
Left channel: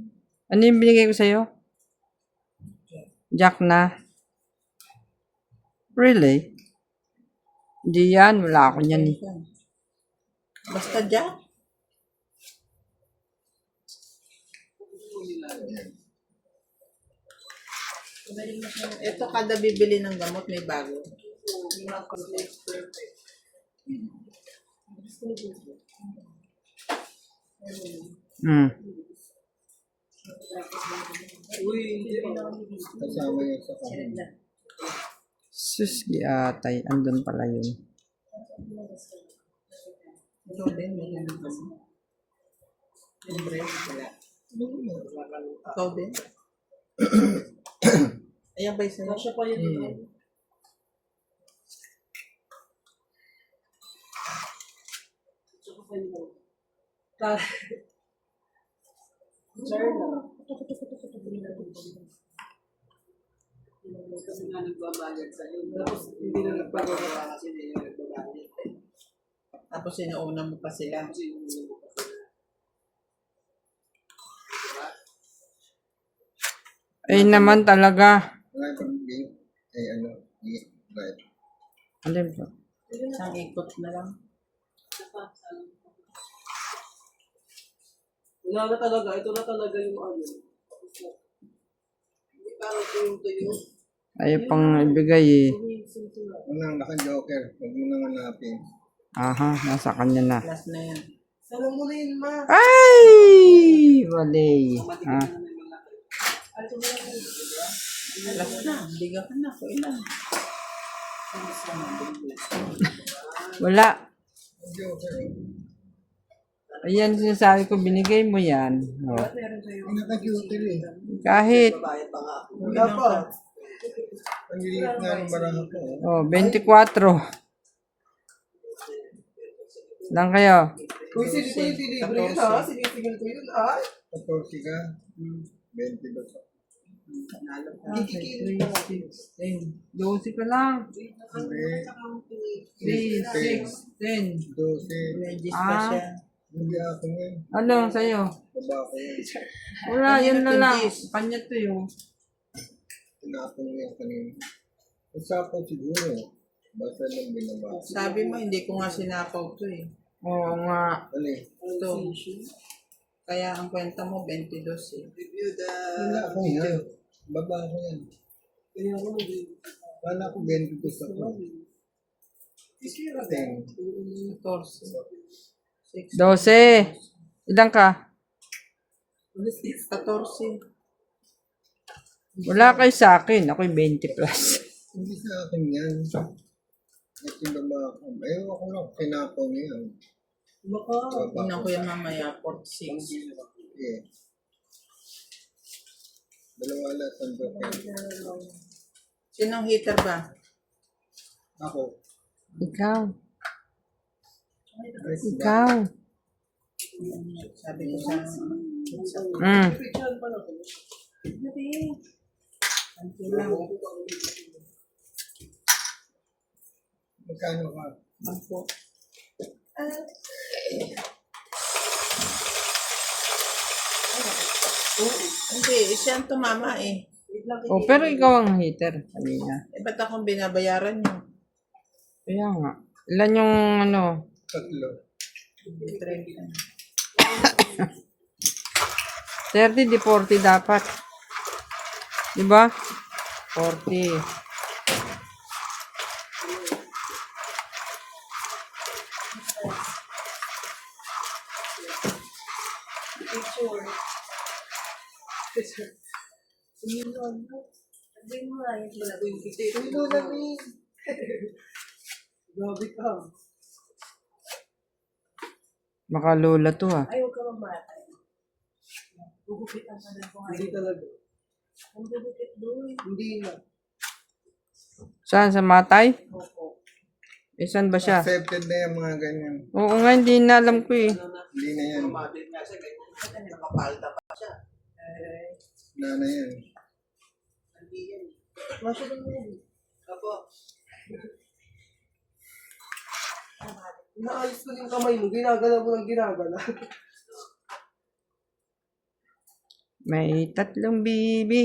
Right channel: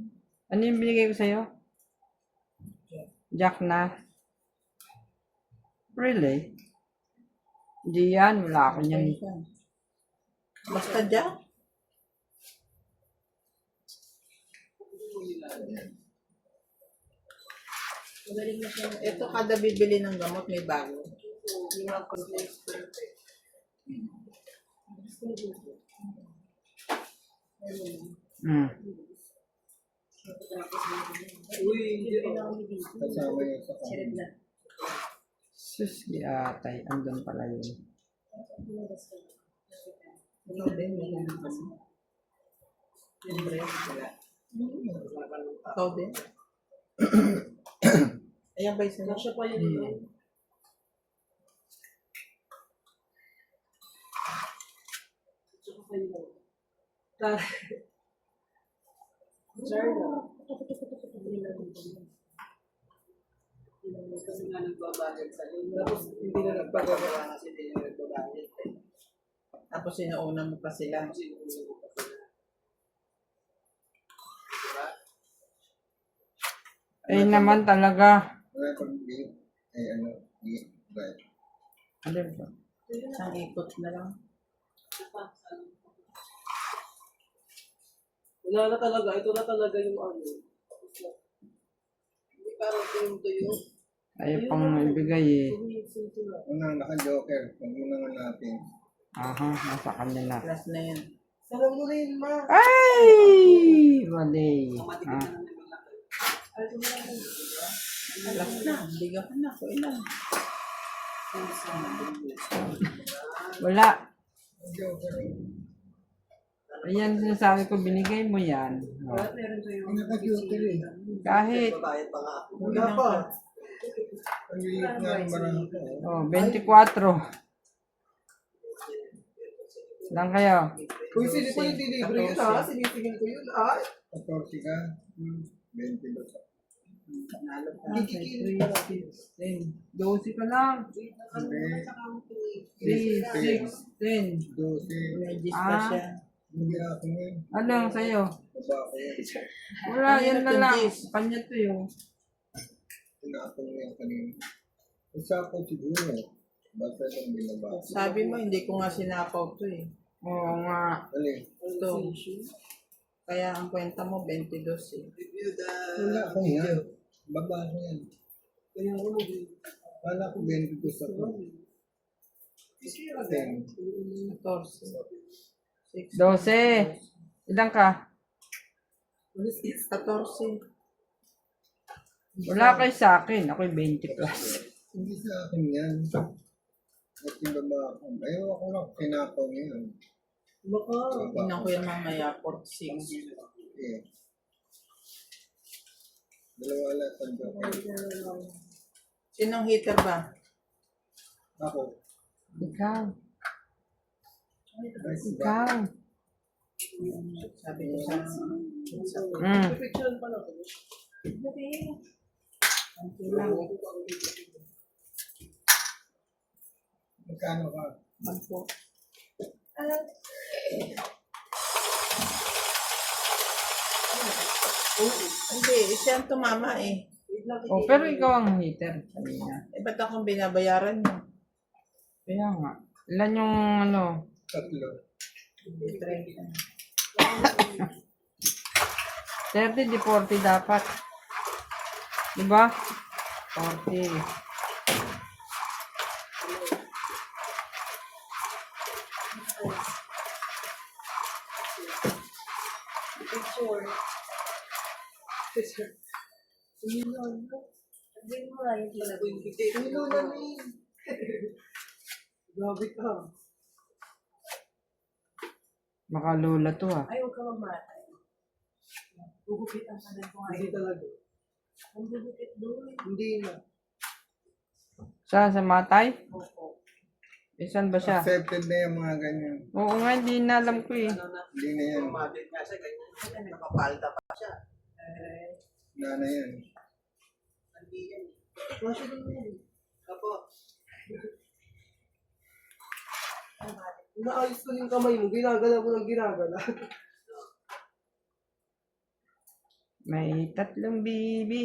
Ano yung binigay ko sa'yo? Jack na? Really? Hindi yan. Wala ako yan eh. Basta dyan. Ito kada bibili ng gamot may bago. Hmm. Uy, hindi Kasama yun sa kanila. Sus, atay. Andun pala yun. Ito din, may ganun kasi. Siyempre, wala. Ikaw din. Ayan ba yung sa'yo? Kasya pa yun. Tsaka kayo. Charla. Kasi nga nagbabayad sa iyo. Tapos hindi na nagpagawa kasi hindi na nagbabayad. Tapos sinuuna mo pa sila. Kasi hindi mo pa sila. Ay naman talaga. Wala pang game. Eh ano. Right. Alin ba? Isang ikot na lang. Wala na talaga. Ito na talaga yung ano. Hindi parang tuyo. Ayaw pang ibigay eh. Unang naka-joker. Huwag mo nang hanapin. Aha, nasa kanya na. Last na yan. Sarang mo na yun, ma. Ay! Wali. Ha? Last na. Biga ka na. Kung ilan. Wala. Joker. Ayan, sinasabi ko, binigay mo yan. Oh. Ang naka-joker eh. Kahit, Wala pa. Ang lilit nga ng barang ko. oh, 24. Lang kayo. Uy, sino ko yung delivery yun, ha? Sinisingil ko yun, ha? 14 ka. 20 ba ka? Nanalo ka. Kikikil. 12 ka lang. Hindi. 3, 6, 10. 12. Regis pa Ah. siya. Hindi ako yan. Ano sa'yo? Baba ko yan. Wala, Kanya yan na na to, lang. Jis. Kanya to yun. Tinapon mo yan kanina. Isa ko siguro. Basta lang binaba. Sabi mo, hindi ko nga sinakaw to eh. Oo nga. Ali. Ito. Kaya ang kwenta mo, 22 eh. Wala ako yan. Baba ko yan. Kaya ako mag- Wala ko 22 sa ko. 10. 14. 6. 12. Ilan ka? 14. Wala kayo sa akin. Ako'y 20 plus. Hindi sa akin yan. At yung baba ko. Ayaw ako lang pinakaw niya. Baka. Tingnan ko yan mamaya, 46. Yeah. Dalawa lahat ang joker. Sinong hitter ba? Ako. Ikaw. Ikaw. Ikaw. Sabi ko sa... Fiction pa lang. Ano lang. Magkano ka? Ako. Hindi, siya ang tumama eh. Oh, pero ikaw ang hater kanina. Eh, ba't akong binabayaran niyo? Kaya nga. Ilan yung ano? 3. 30, di 40 dapat. Diba? 40. Sabihin mo nga yung pala. Uy, Lola, May. Grabe ka. Makalola to ah. Ay, huwag ka mamatay. Gugupitan ka na kung Hindi ayaw. talaga. Ang gugupit doon. Hindi na. Saan? Sa matay? Opo. Eh, saan ba siya? Accepted na yung mga ganyan. Oo nga, hindi na alam ko eh. Hindi na yan. Wala na yan. Masya din mo yan. Inaayos ko yung kamay mo, ginagala mo ng ginagala. May 3 bibi.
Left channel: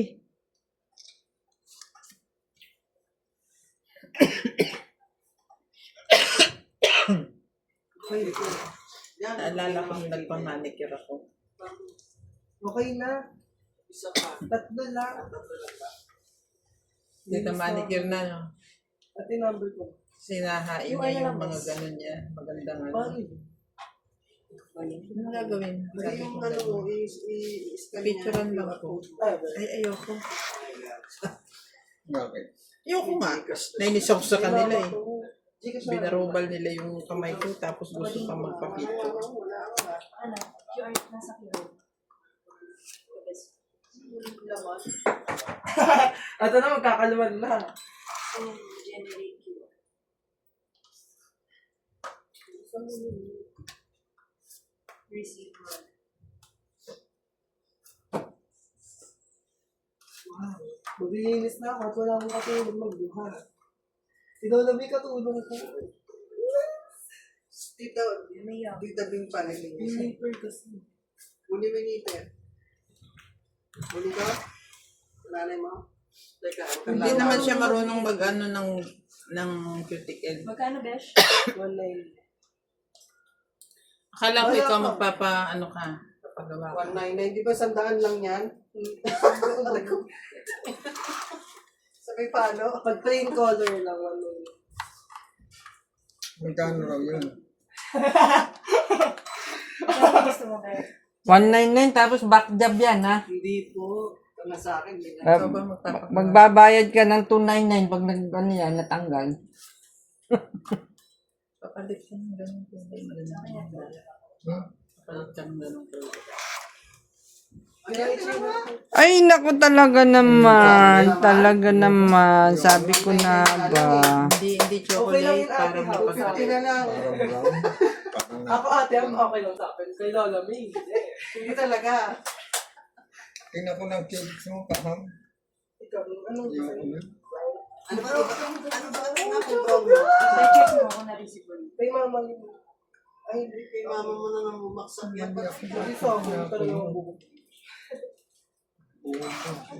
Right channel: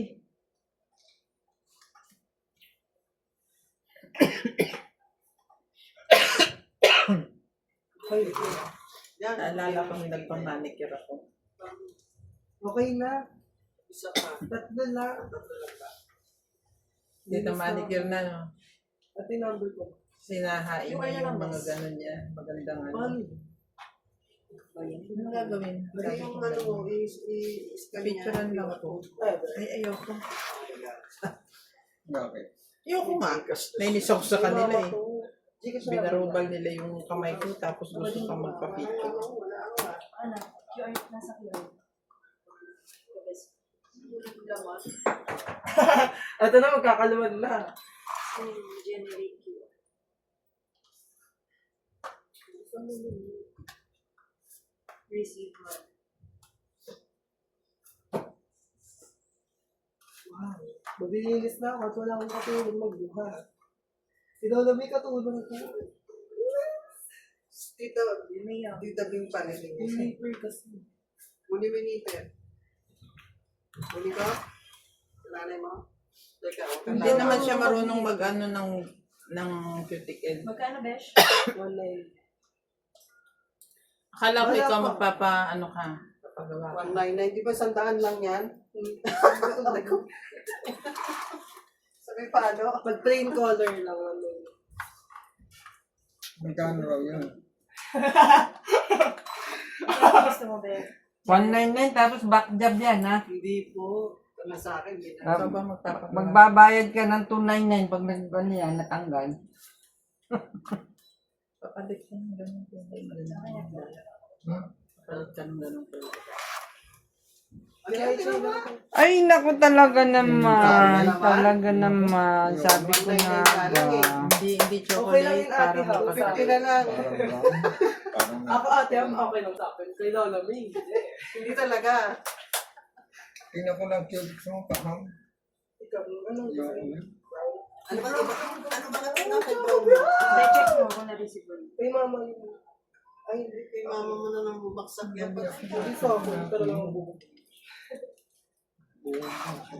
Naalala ko nung nagpamanicure ako. Okay na. Tatlo na. Dito manicure na, no? Ate number ko. Sinahain niya yung mga ganun niya. Magandang ano. Paano? Ano gagawin? Sabi ko Yung ganun. ano, is-scan Picturean lang ako. Ay, ayoko. Okay. Ayoko nga. Nainis ako sa kanila eh. Gcash na. Binarubal nila yung kamay ko tapos gusto pa magpa-picture. Ano? QR nasa QR. Ito na, magkakaluman na. Generate QR. Receive one. Maglilinis na ako at wala akong katulong magbuha. Ikaw na may katulong ko. Tita, tita Bing pa rin. Miniper kasi. Muni miniper. Muni ka? Nanay mo? Teka, Hindi naman siya marunong mag-ano ng ng cuticle. Magkano, Besh? 199. Akala ko Wala ikaw pa. magpapa, ka, papagawa ka. 199, di ba 100 lang yan? Sabi paano? Pag plain color lang, 199. Magkano raw yun? Ano gusto mo, Besh? 199 tapos back job yan, ha? Hindi po. Tama sa akin, hindi na. Ikaw ba magpapagawa? Magbabayad ka ng 299 pag ano yan, natanggal. Papalit ka ng ganun kulay. Papalit ka ng ganun kulay. Ay, naku talaga naman. Talaga naman. Sabi ko na ba. Hindi Okay lang chocolate yun, ate, para ha? 50 magpapagawa. na lang. Parang Ako ate, okay lang sa akin. Kay Lola May, hindi talaga. tingnan ko ng cubes mo, kahang. Ikaw, anong gusto Yung mo? ano. I-check mo kung na-receive mo. Kay mama yun. Ay, hindi kay mama mo na nang bumaksak yan. Hindi sa akin, talaga ang bubuk.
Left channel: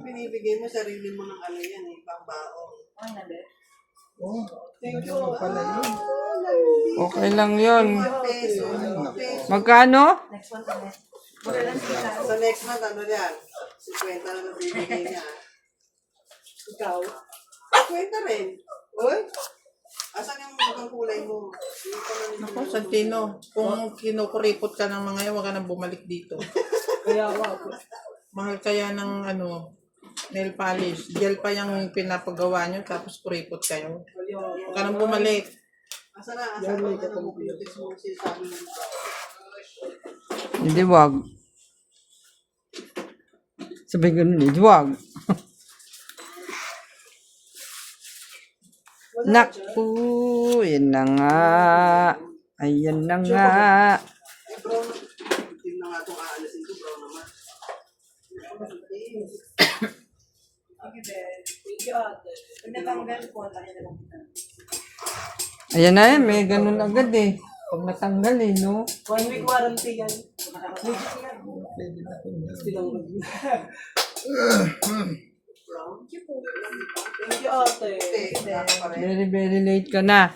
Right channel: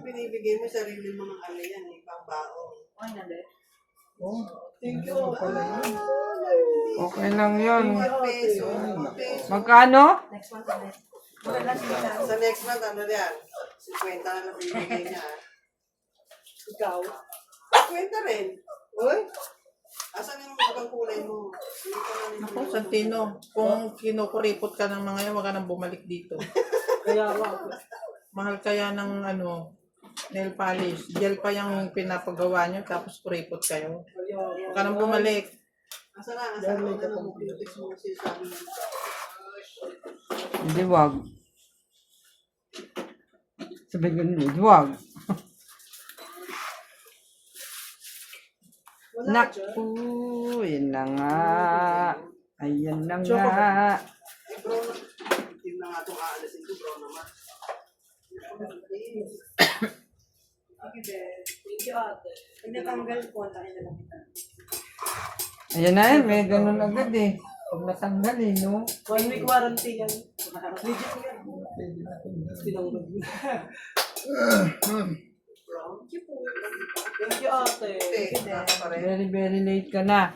Binibigay mo sarili mo ng ano yan, pang baon. Okay na, Besh? Oh, Thank you. ano pala yun? Okay lang yun. Peso. Magkano? Next one ulit. Magalas kita. Sa next month, ano yan? 50 na lang bibigay niya. Ikaw. 50 rin. Uy? Asan yung ibang kulay mo? Dito na Ako, Santino, kung kinukuripot ka ng mga yan, huwag ka nang bumalik dito. Kaya ako. Mahal kaya ng nail polish. Gel pa yung pinapagawa nyo, tapos kuripot kayo. Huwag ka nang bumalik. Asan na? Asan na ng beauty mo si Sammy? Hindi wag. Sabi ko nun, hindi wag. Naku, yun na nga. Ayan na nga. Eh, brown. Team na nga itong aalasin ko, brown naman. Thank you, ate. Pag natanggal po, tayo na lang kita. Ayan na yan, may ganun agad eh. Pag natanggal eh, no? 1 week warranty yan. Legit yan. Pwede na ito. Tinanggap yun. Brown? Thank you, ate. Baka pa rin. Very, very late ka na.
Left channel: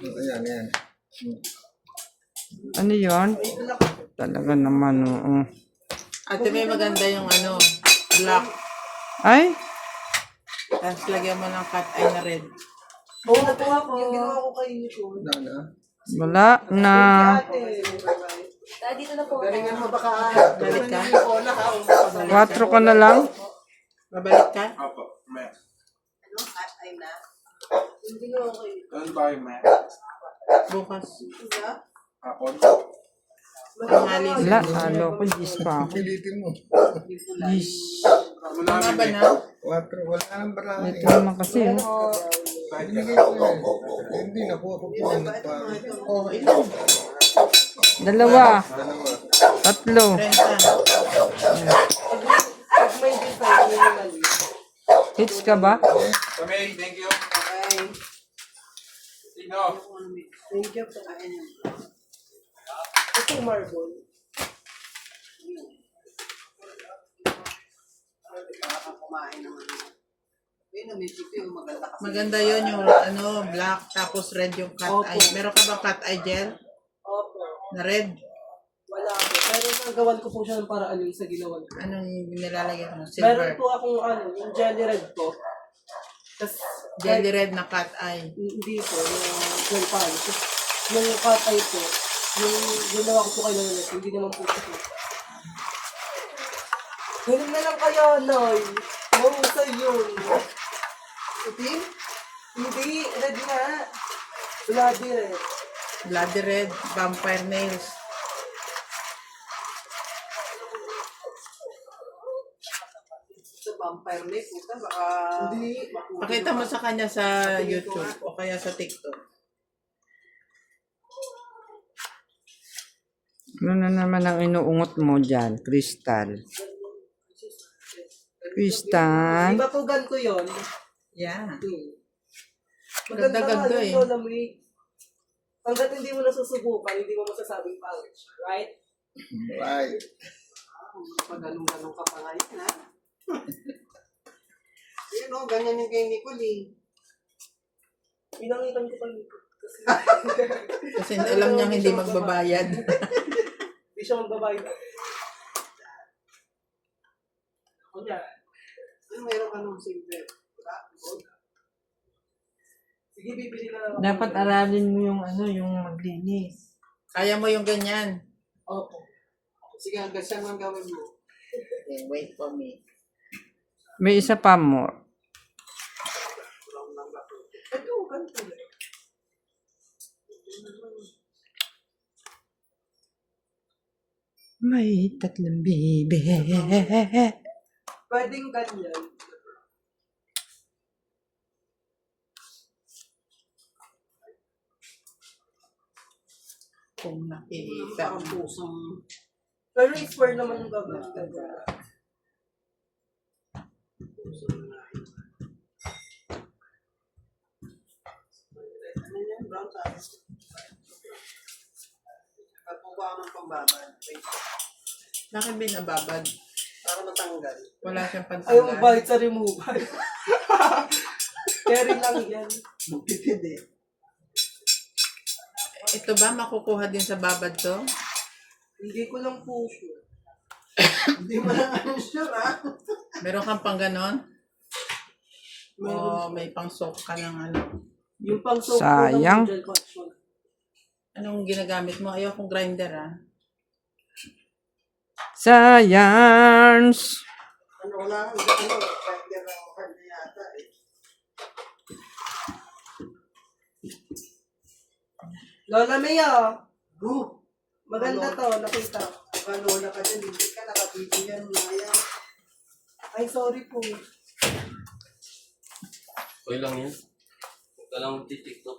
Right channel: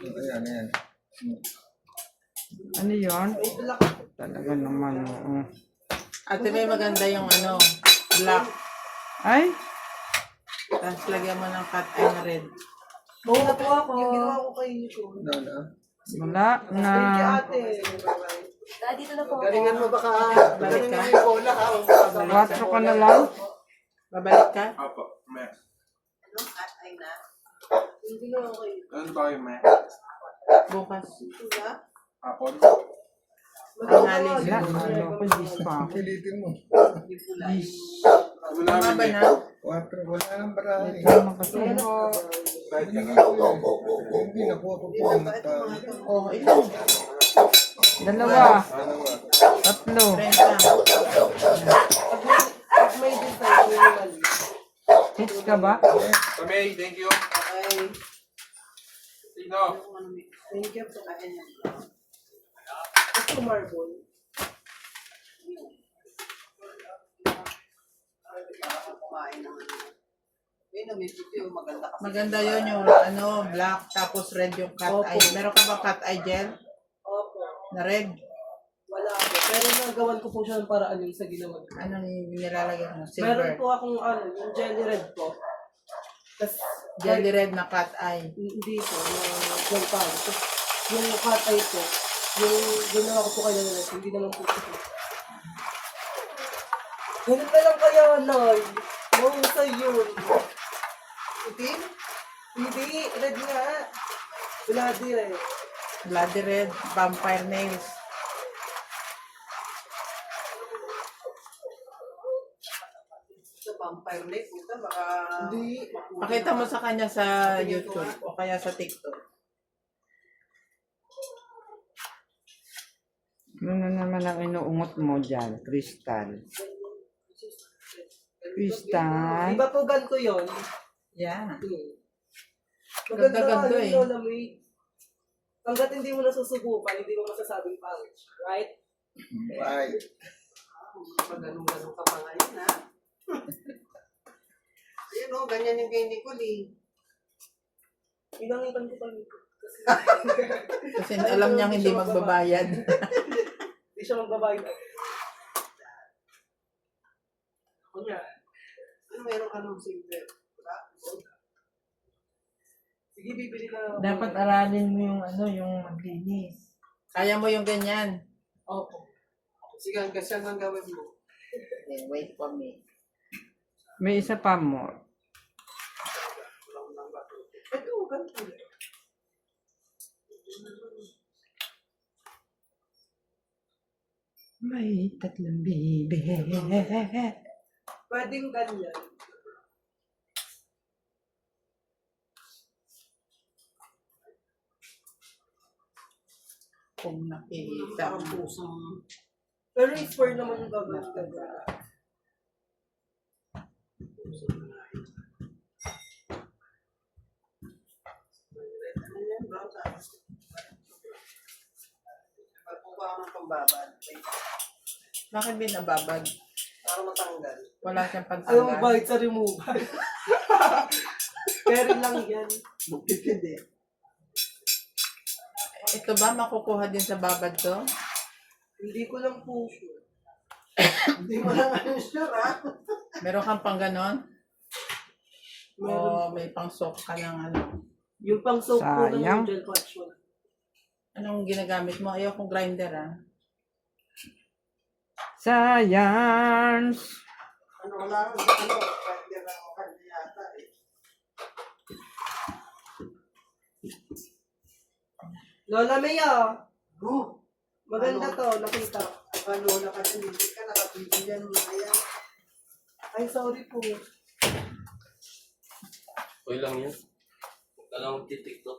Ayan, ayan. Ano yun? Talaga naman, oo. Ate, may maganda yung black. Ay, Tapos lagyan mo ng cut eye na red. Oo, natuwa ko. Yung ginawa ko kay Nico. Wala na. wala na. Ate. Dahil dito na po. Galingan mo baka Balik ka? yung bola ha. o 4 ka na lang. Babalik ka? Opo, may. Ano? At ay na. Yung ginawa ko yun. Ano tayo, may? Bukas. Diba? Hapon. Tanghali. Wala, halo ko, gis pa ako. Pilitin mo. Gis. Wala Tama ba namin na? 4, wala nang barangay. Ito naman kasi. Binigay ko yan. Hindi na po ako po. Oh, ilan? 2. 3. Renta. Pag may design, minimally. Hits ka ba? Kamay, thank you. Okay. Sino? Thank you. Ayan yan. Ito marble. Kumain naman. Ayun, may chipi, maganda kasi. Maganda yun yung black, tapos red yung cut Opo. eye. Meron ka bang cut eye gel? Opo. Na red? Wala ako. Pero nagawan ko po siya ng paraan yung sa ginawan ko. Anong nilalagyan mo? Meron Silver. po akong yung jelly red po. Tapos, Jelly red na cut eye. hindi po, yung gel pan. Tapos, yung cut eye po, yung ginawa ko po kayo ulit, hindi naman po ito. Ganun na lang kaya, Noy. Yung sa yun. Itim? Hindi, red nga. Bloody red. Bloody red, vampire nails. Sa vampire neck, puta, baka... Hindi. Pakita mo sa kanya sa YouTube o kaya sa TikTok. Ano na naman ang inuungot mo dyan? Crystal. Crystal. Iba po gan ko yun. Yeah. Maganda Ganda-ganda yun, eh. Lola May. Hanggat hindi mo nasusubukan, hindi mo masasabing pangit. Right? Right. Pag ganun-ganun ka pa ngayon, ha? Ayun, ganyan yung kay Nicole, eh. Pinangitan ko kanina. Kasi Kasi alam niyang hindi magbabayad. hindi siya magbabayad. Kunya, Ano meron ka ng silver? Wala? sige bibili na. Dapat aralin mo yung ano, yung maglinis. Kaya mo yung ganyan. Opo. Sige, hanggang saan ang gawin mo? Okay, wait for me. May isa pa mo. Ito, ganito. May tatlong bibe. Pwedeng ganyan. Kung nakikita Parang mo. pusang... Pero square naman yung gagawin. Ano yan? Brown tayo. Pagkuha ka ng pambabad. Wait, Bakit binababad? para matanggal. Wala siyang Ayaw pantanggal. bayad sa removal. Carry lang yan. Magtitid eh. Ito ba makukuha din sa babad to? Hindi ko lang po sure. Hindi mo lang ano sure ha? Meron kang pang ganon? O Meron. may pang soak ka ng ano? Yung pang soap ko Sayang. ng gel collection. Anong ginagamit mo? Ayaw kong grinder ah. Science! Ano, wala kang ano, pwede na ako kanya yata eh. Lola Maya, Ano? maganda to, nakita. Ano na ka dyan, hindi ka nakabibigyan mo na yan. Ay, sorry po. Okay lang yan. Huwag ka lang magti-tiktok.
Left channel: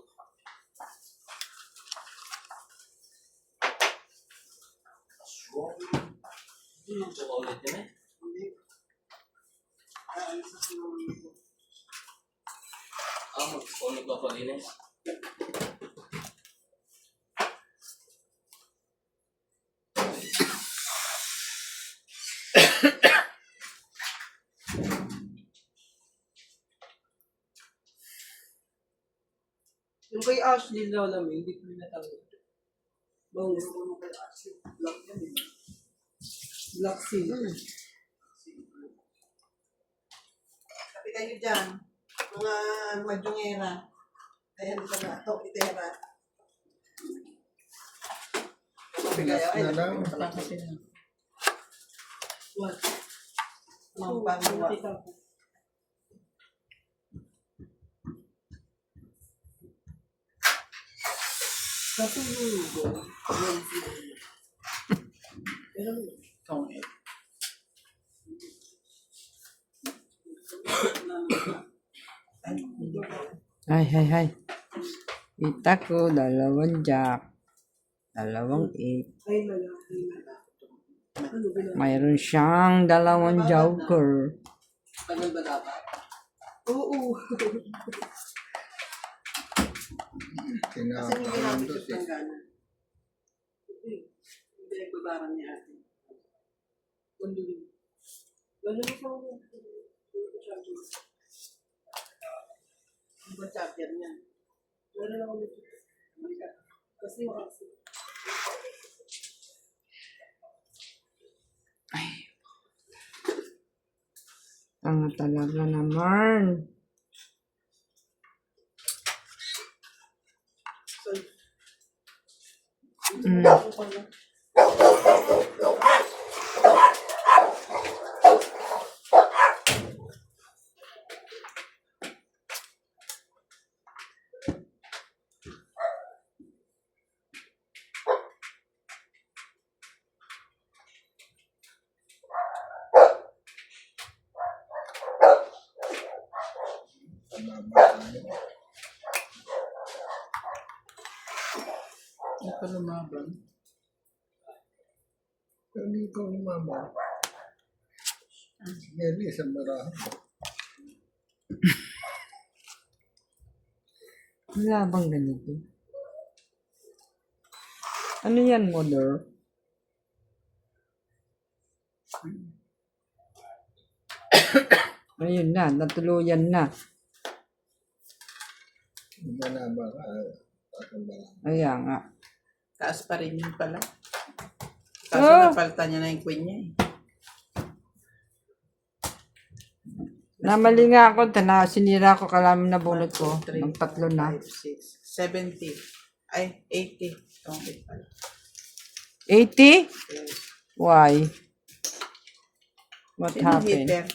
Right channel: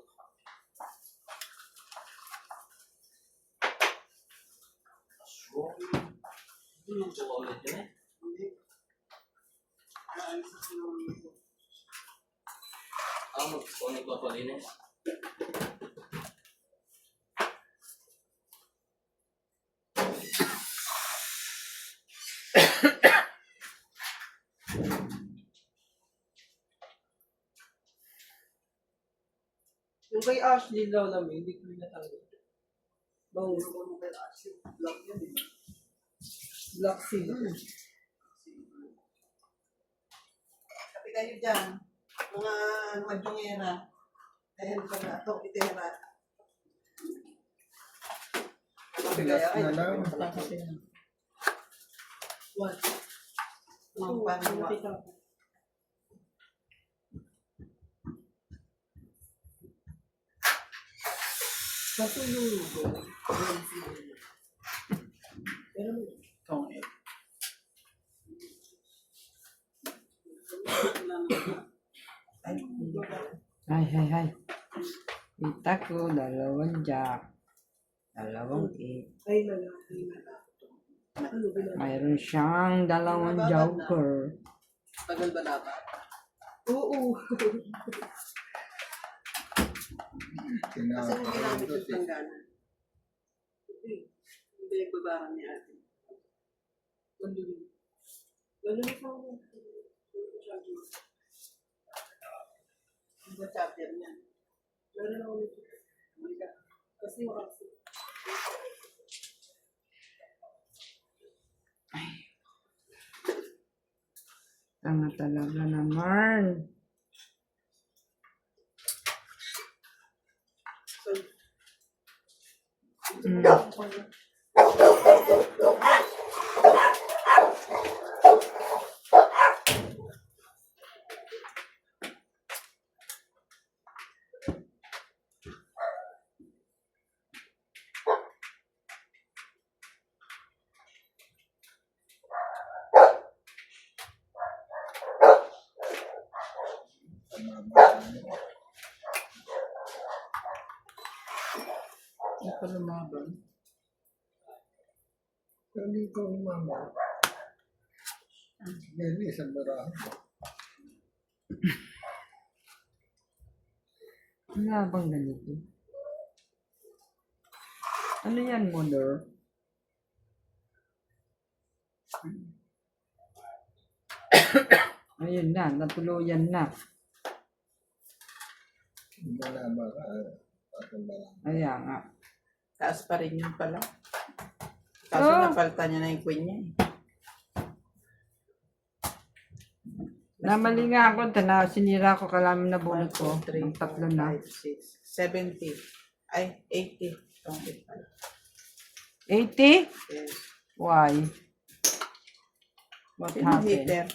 Tsaka ulit yun eh. Hindi. Ayos ako ng... Kung nagpapalinis. Yung kay Ashley, Lola May, hindi ko natanggap. Bangus. Ano kay Ashley? Black yan eh. Black Seal. Kapi kayo dyan. Mga madyongera. Dahil sa nato, itera. Kapi kaya ay. Wala kasi na. What? Mga panwa. Nakita ko. Kasi yung pero Itong Ay, hindi ba? Hay. Kita ko, 2 jack. 2 8. ay lalaki na. Ano ba na? Mayroon siyang 2 joker. Tagal ba dapat? Oo. Kasi yung ginamit Kinakain yung tanggalan. Hindi yung babaran ni ate. Lalo na sa Yung ba charger niyan? lalo na ulit. Kasi makakasi. Ano talaga naman. Mm. Hindi ko lumaban. Pero dito ang mama. Mary, isang barahan. Wala bang ganito? Ano yan, mother? Ayun na, natuluyan na. Manaba ka. Tatanda lang. Kaya nga. Taas pa rin yun pala. Kaso Oh. napalitan niya na yung queen niya eh. Namali nga ako, sinira ko kalamin na bunot ko. 1, 2, 3, Ng tatlo na. 5, 6, 70. Ay, 80. Tungkit pala. 80? Yes. Why? What Sino happened? hitter?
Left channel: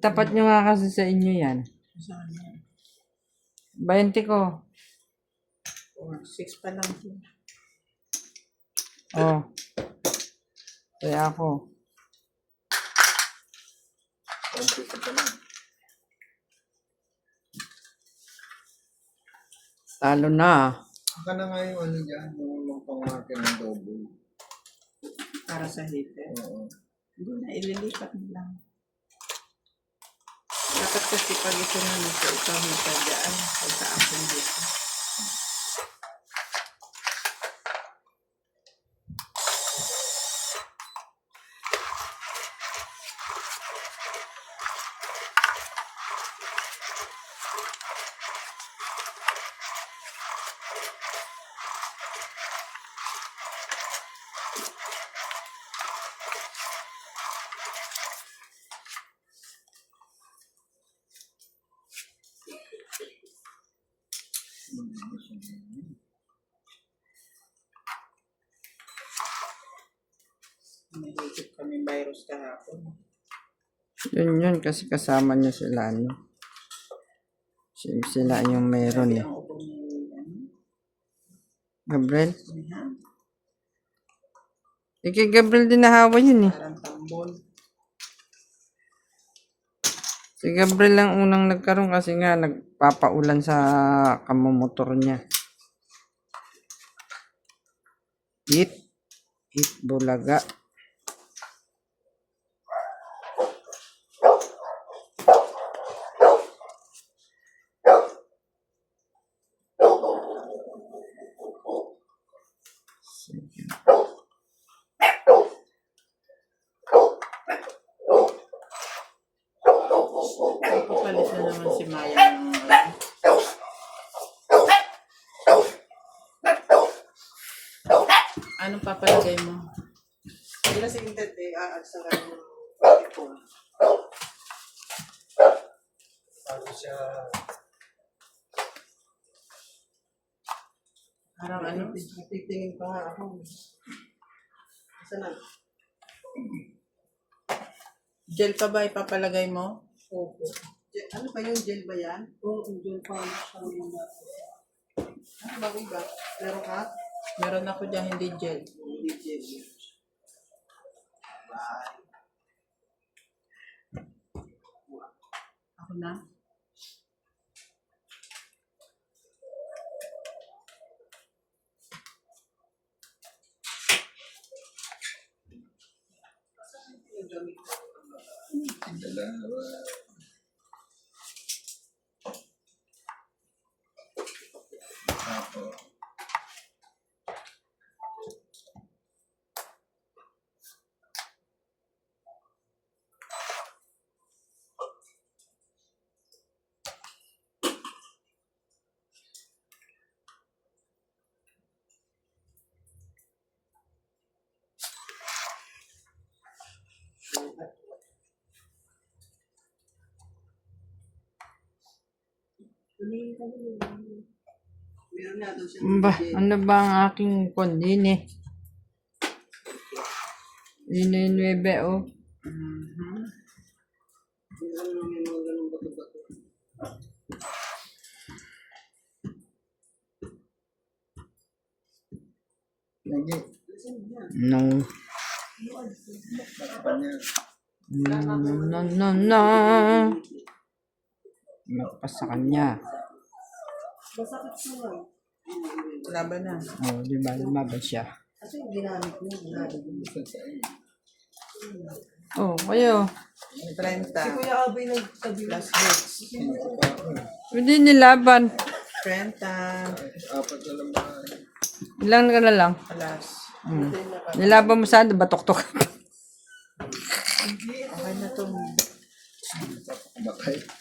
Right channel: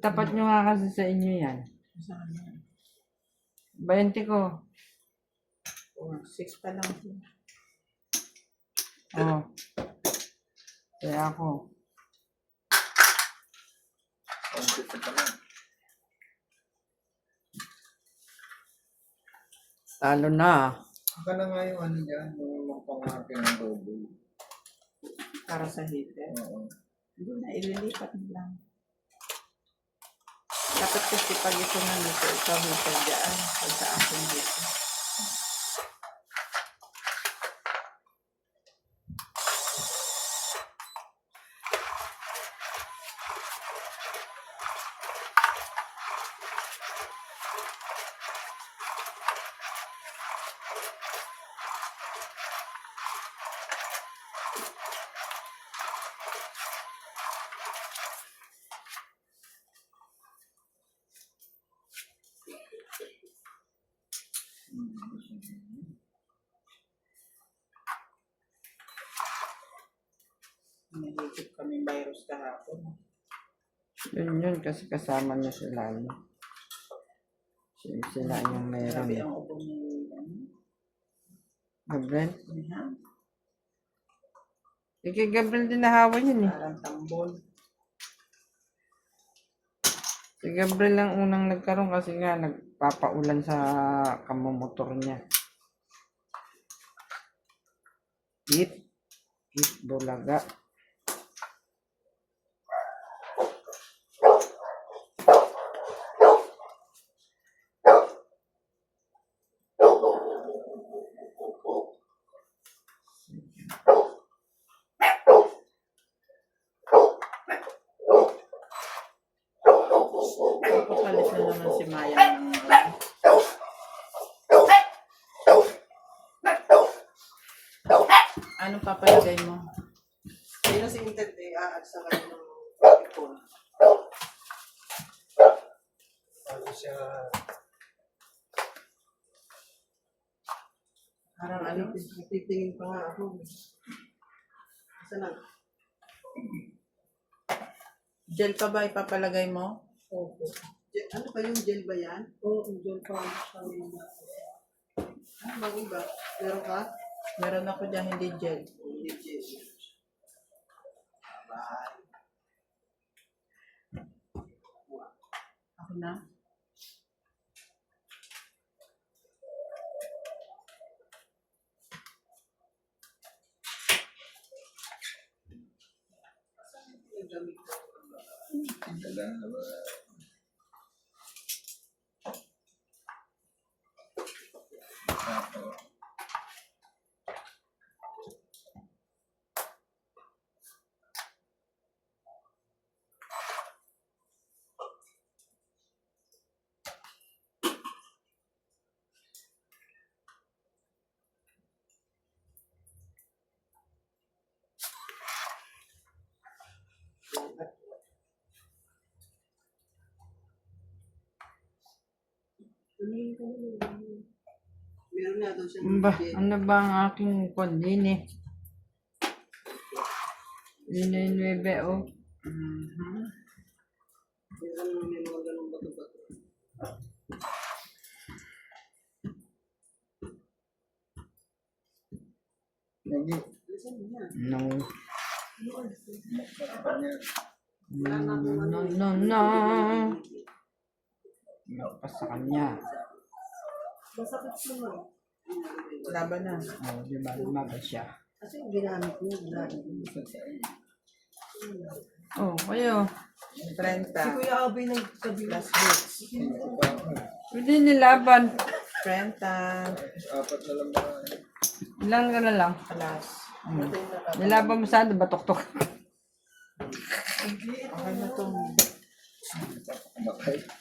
Tapat nyo nga kasi sa inyo yan. Saan yan? 20 ko. 6 pa lang. Oh. Kaya ako. Kompleto pa lang. Talo na. Baka na nga yung ano dyan, yung magpangakin ng double. Para sa hitter. Oo. Hindi na, ililipat mo lang. Dapat kasi pag ito na nito, ito hitter dyan. Pag sa akin dito. Nahigit kami virus kahapon. Yun kasi kasama nyo sila, ano. Sila yung meron Sabi eh. ang upo ni Gabriel? Nihan. Kay Gabriel din nahawa yun eh. Parang tambol. Si Gabriel lang unang nagkaroon kasi nga nagpapaulan sa kamomotor niya. Eat bulaga. Papalit na naman si Maya ng anong papalagay mo? Hindi na si Intet eh, sa kanya ng ipon. Bago siya, Parang ano? Titingin pa nga ako. Saan na? Gel pa ba ipapalagay mo? Opo. Ano ba yung gel ba yan? Oo, dyan pa siya yung Ah, bakit ba? Meron ka? Meron ako dyan, hindi gel. Hindi gel. Ako na? dalawa. Tapos, Meron na daw siya Ba, gel. ano ba ang aking kondin eh? Yun yung 9 oh. Meron na may mga ganun bato-bato. lagi, No. kanya. No. Nagpas sa kanya. Masakit siya. Laban na. Oh, di ba? Lumaban siya. Kasi yung ginamit niya, ginamit niya. Isa sa inyo. Oh, kayo. 30. Kuya Abay nagsabi Plus hits. Pwede nilaban. 30. Apat na lang ba? Ilang ka na lang. Plus. Nilaban mo saan? Batok-tok. Okay na itong Matay.